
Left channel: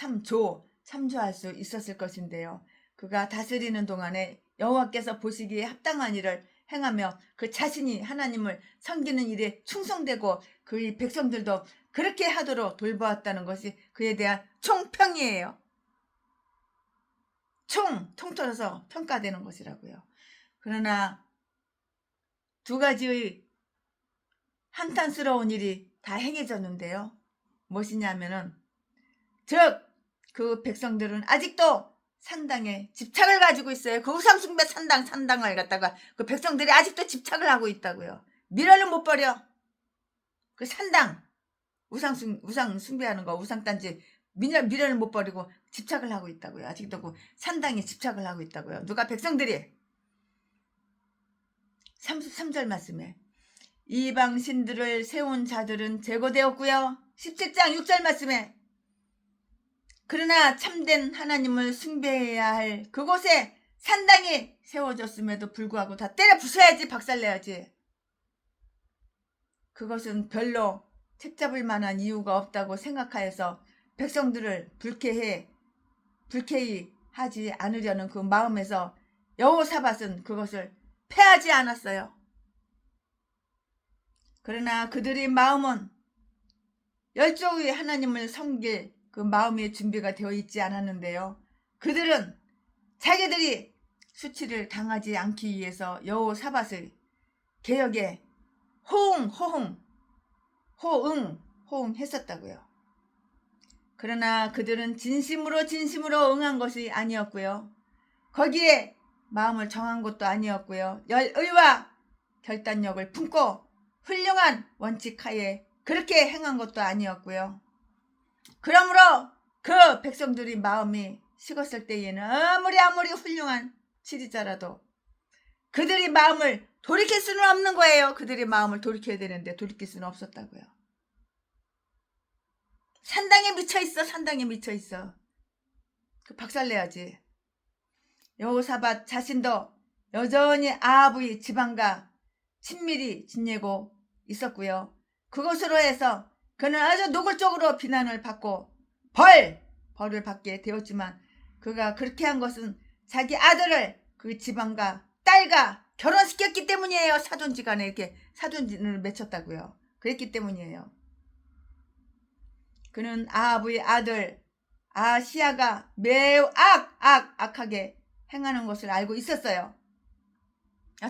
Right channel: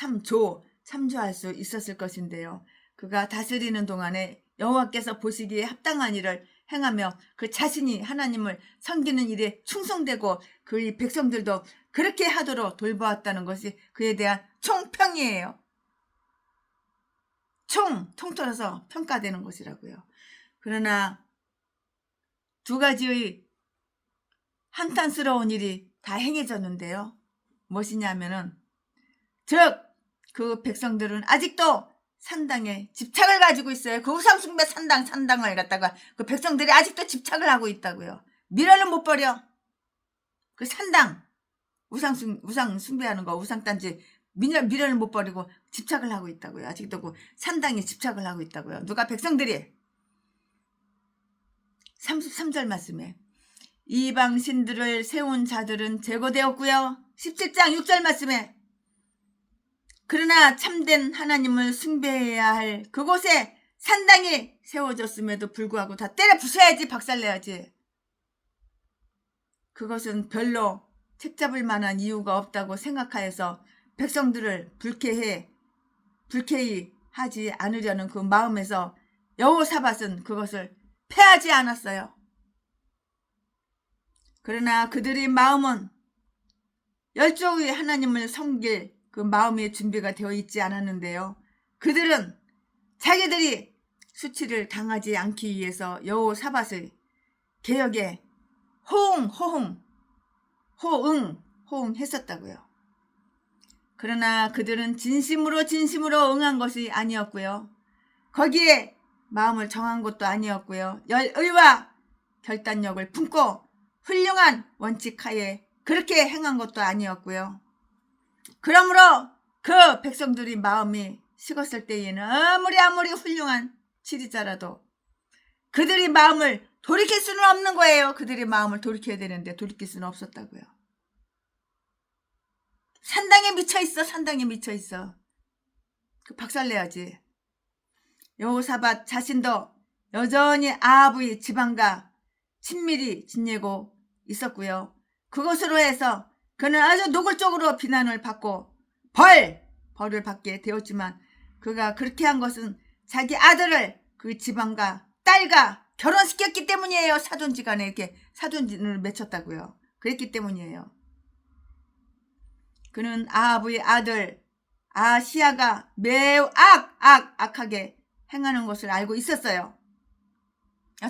있었을 것인데요. 그가 다스리는 동안에 여호와께서 보시기에 합당한 일을 행하며 그 자신이 하나님을 섬기는 일에 충성되고 그의 백성들도 그렇게 하도록 돌보았다는 것이 그에 대한 총평이에요. 통틀어서 평가되는 것이라고요. 그러나 두 가지의 한탄스러운 일이 다 행해졌는데요. 무엇이냐면은 그 백성들은 아직도 산당에 집착을 가지고 있어요. 그 우상숭배 산당을 갖다가 그 백성들이 아직도 집착을 하고 있다고요. 미련을 못 버려. 그 산당 우상 숭배하는 거 우상단지 미련을 못 버리고 집착을 하고 있다고요. 아직도 그 산당에 집착을 하고 있다고요. 누가? 백성들이. 33절 말씀에 이방 신들을 세운 자들은 제거되었고요. 17장 6절 말씀에 그러나 참된 하나님을 숭배해야 할 그곳에 산당이 세워졌음에도 불구하고 다 때려 부숴야지, 박살내야지. 그것은 별로 책잡을 만한 이유가 없다고 생각하여서 백성들을 불쾌히 하지 않으려는 그 마음에서 여호사밧은 그것을 패하지 않았어요. 그러나 그들의 마음은 열조의 하나님을 섬길 그 마음의 준비가 되어 있지 않았는데요. 그들은 자기들이 수치를 당하지 않기 위해서 여호사밧의 개혁에 호응했었다고요. 그러나 그들은 진심으로 응한 것이 아니었고요. 거기에 마음을 정한 것도 아니었고요. 열의와 결단력을 품고 훌륭한 원칙하에 그렇게 행한 것도 아니었고요. 그러므로 그 백성들이 마음이 식었을 때에는 아무리 훌륭한 지리자라도 그들이 마음을 돌이킬 수는 없는 거예요. 그들이 마음을 돌이켜야 되는데 돌이킬 수는 없었다고요. 산당에 미쳐있어. 그 박살내야지. 여호사밧 자신도 여전히 아합의 지방과 친밀히 지내고 있었고요. 그것으로 해서 그는 아주 노골적으로 비난을 받고 벌을 받게 되었지만 그가 그렇게 한 것은 자기 아들을 그 지방과 딸과 결혼시켰기 때문이에요. 사돈지간에 이렇게 사돈을 맺혔다고요. 그랬기 때문이에요. 그는 아합의 아들 아하시야가 매우 악하게 행하는 것을 알고 있었어요.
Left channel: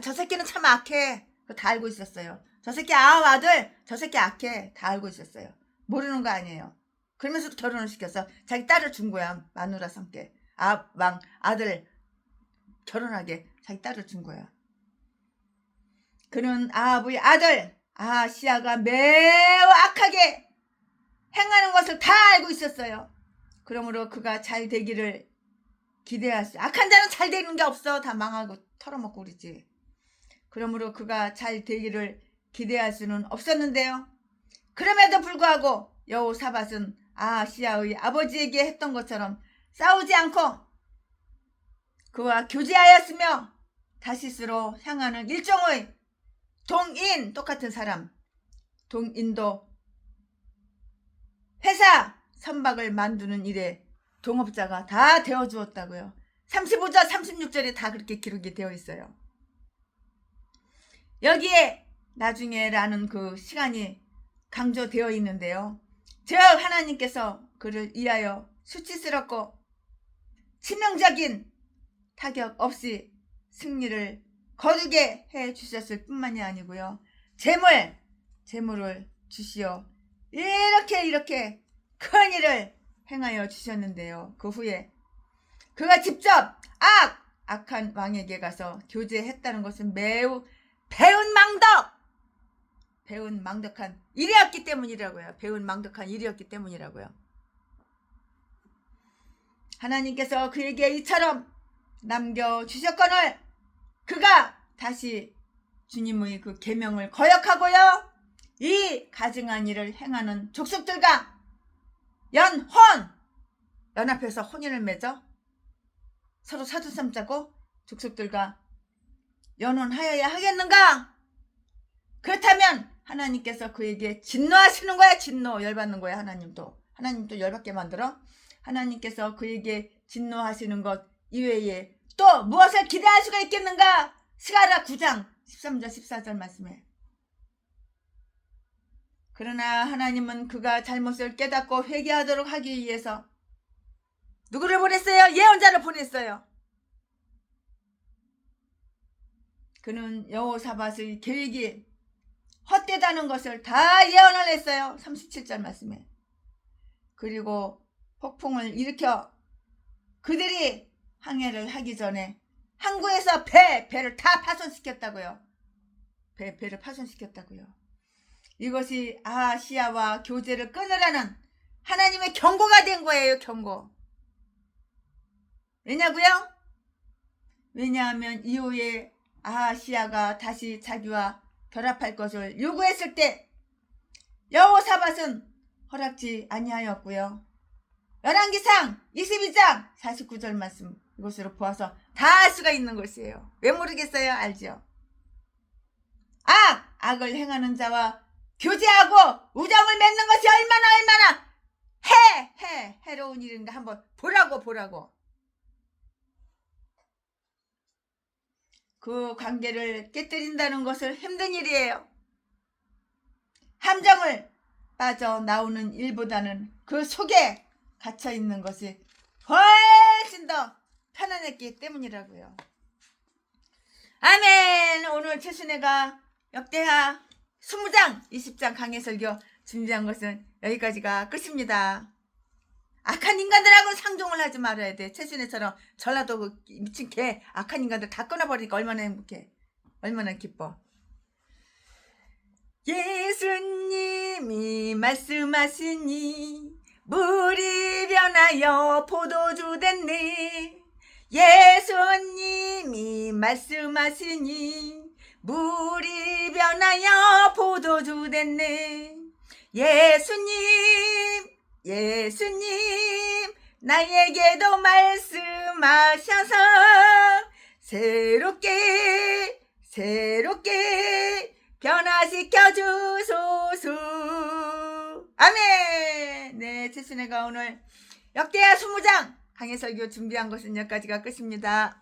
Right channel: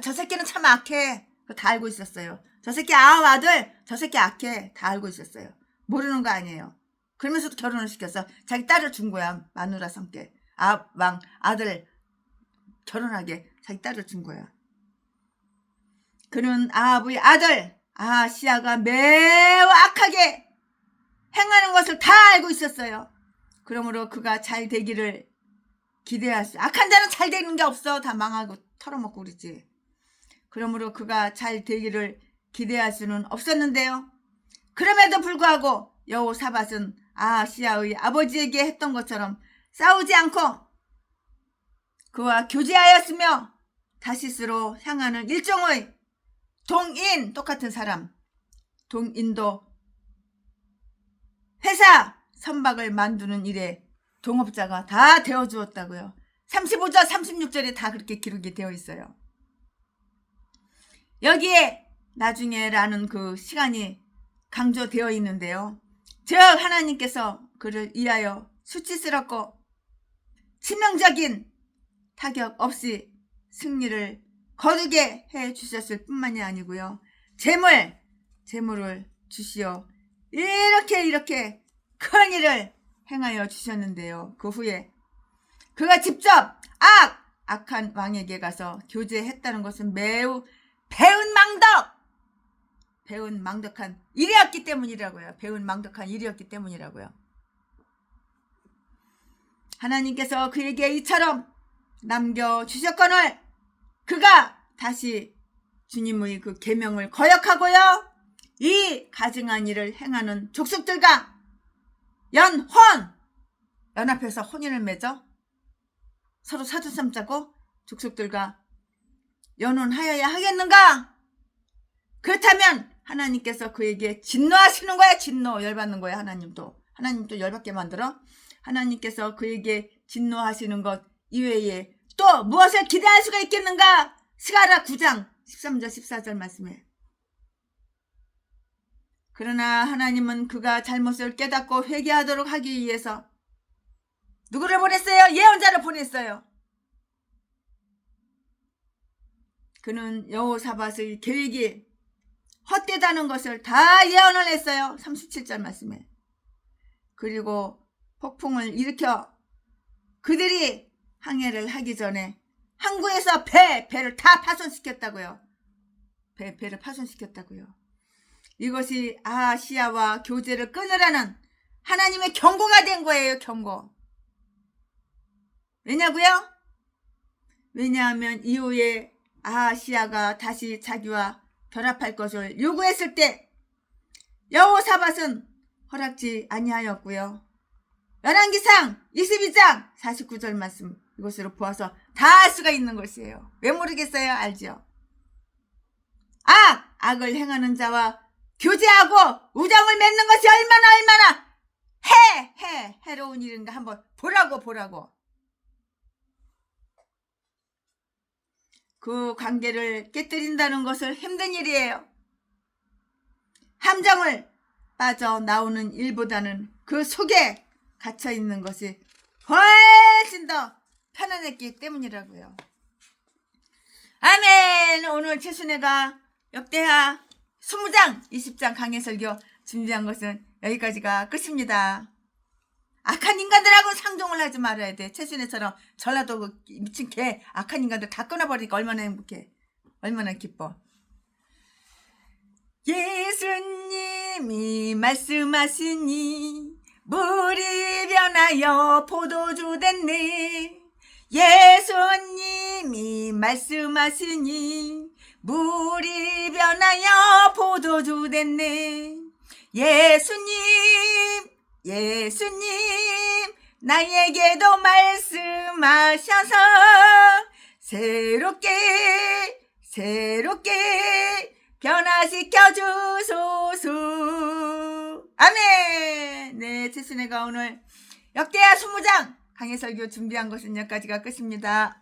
저 새끼는 참 악해. 그거 다 알고 있었어요. 저 새끼 아들, 저 새끼 악해. 다 알고 있었어요. 모르는 거 아니에요. 그러면서도 결혼을 시켰어. 자기 딸을 준 거야. 마누라 성께. 아들 결혼하게 자기 딸을 준 거야. 그는 아부의 아들 아시아가 매우 악하게 행하는 것을 다 알고 있었어요. 그러므로 그가 잘 되기를 기대할 수. 악한 자는 잘 되는 게 없어. 다 망하고 털어먹고 그러지. 그러므로 그가 잘 되기를 기대할 수는 없었는데요. 그럼에도 불구하고 여호사밧은 아시아의 아버지에게 했던 것처럼 싸우지 않고 그와 교제하였으며 다시스로 향하는 일종의 동인, 똑같은 사람, 동인도 회사 선박을 만드는 일에 동업자가 다 되어주었다고요. 35절 36절에 다 그렇게 기록이 되어 있어요. 여기에 나중에라는 그 시간이 강조되어 있는데요. 즉 하나님께서 그를 위하여 수치스럽고 치명적인 타격 없이 승리를 거두게 해주셨을 뿐만이 아니고요. 재물을 주시어 이렇게 큰 일을 행하여 주셨는데요. 그 후에 그가 직접 악한 왕에게 가서 교제했다는 것은 매우 배운 망덕한 일이었기 때문이라고요. 배운 망덕한 일이었기 때문이라고요. 하나님께서 그에게 이처럼 남겨주셨거늘 그가 다시 주님의 그 계명을 거역하고요. 이 가증한 일을 행하는 족속들과 연합해서 혼인을 맺어 서로 사주삼 짜고 족속들과 연혼하여야 하겠는가? 그렇다면 하나님께서 그에게 진노하시는 거야. 열받는 거야. 하나님도 열받게 만들어. 하나님께서 그에게 진노하시는 것 이외에 또 무엇을 기대할 수가 있겠는가? 스가랴 9장 13절 14절 말씀에. 그러나 하나님은 그가 잘못을 깨닫고 회개하도록 하기 위해서 누구를 보냈어요? 예언자를 보냈어요. 그는 여호사밧의 계획이 헛되다는 것을 다 예언을 했어요. 37절 말씀에. 그리고 폭풍을 일으켜 그들이 항해를 하기 전에 항구에서 배를 다 파손시켰다고요. 배를 파손시켰다고요. 이것이 아시아와 교제를 끊으라는 하나님의 경고가 된 거예요. 경고. 왜냐하면 이후에 아시아가 다시 자기와 결합할 것을 요구했을 때 여호사밧은 허락지 아니하였고요. 열왕기상 22장 49절 말씀 이것으로 보아서 다 알 수가 있는 것이에요. 왜 모르겠어요? 알죠? 악을 행하는 자와 교제하고 우정을 맺는 것이 얼마나 해로운 일인가 한번 보라고. 그 관계를 깨뜨린다는 것을 힘든 일이에요. 함정을 빠져나오는 일보다는 그 속에 갇혀있는 것이 훨씬 더 편안했기 때문이라고요. 아멘. 오늘 최순애가 역대하 20장 20장 강해설교 준비한 것은 여기까지가 끝입니다. 악한 인간들하고는 상종을 하지 말아야 돼. 최순애처럼 전라도 그 미친 개 악한 인간들 다 끊어버리니까 얼마나 행복해. 얼마나 기뻐. 예수님이 말씀하시니 물이 변하여 포도주 됐네. 예수님이 말씀하시니 물이 변하여 포도주 됐네. 예수님 나에게도 말씀하셔서 새롭게 변화시켜 주소서. 아멘. 네, 최순애가 오늘 역대하 20장 강해설교 준비한 것은 여기까지가 끝입니다.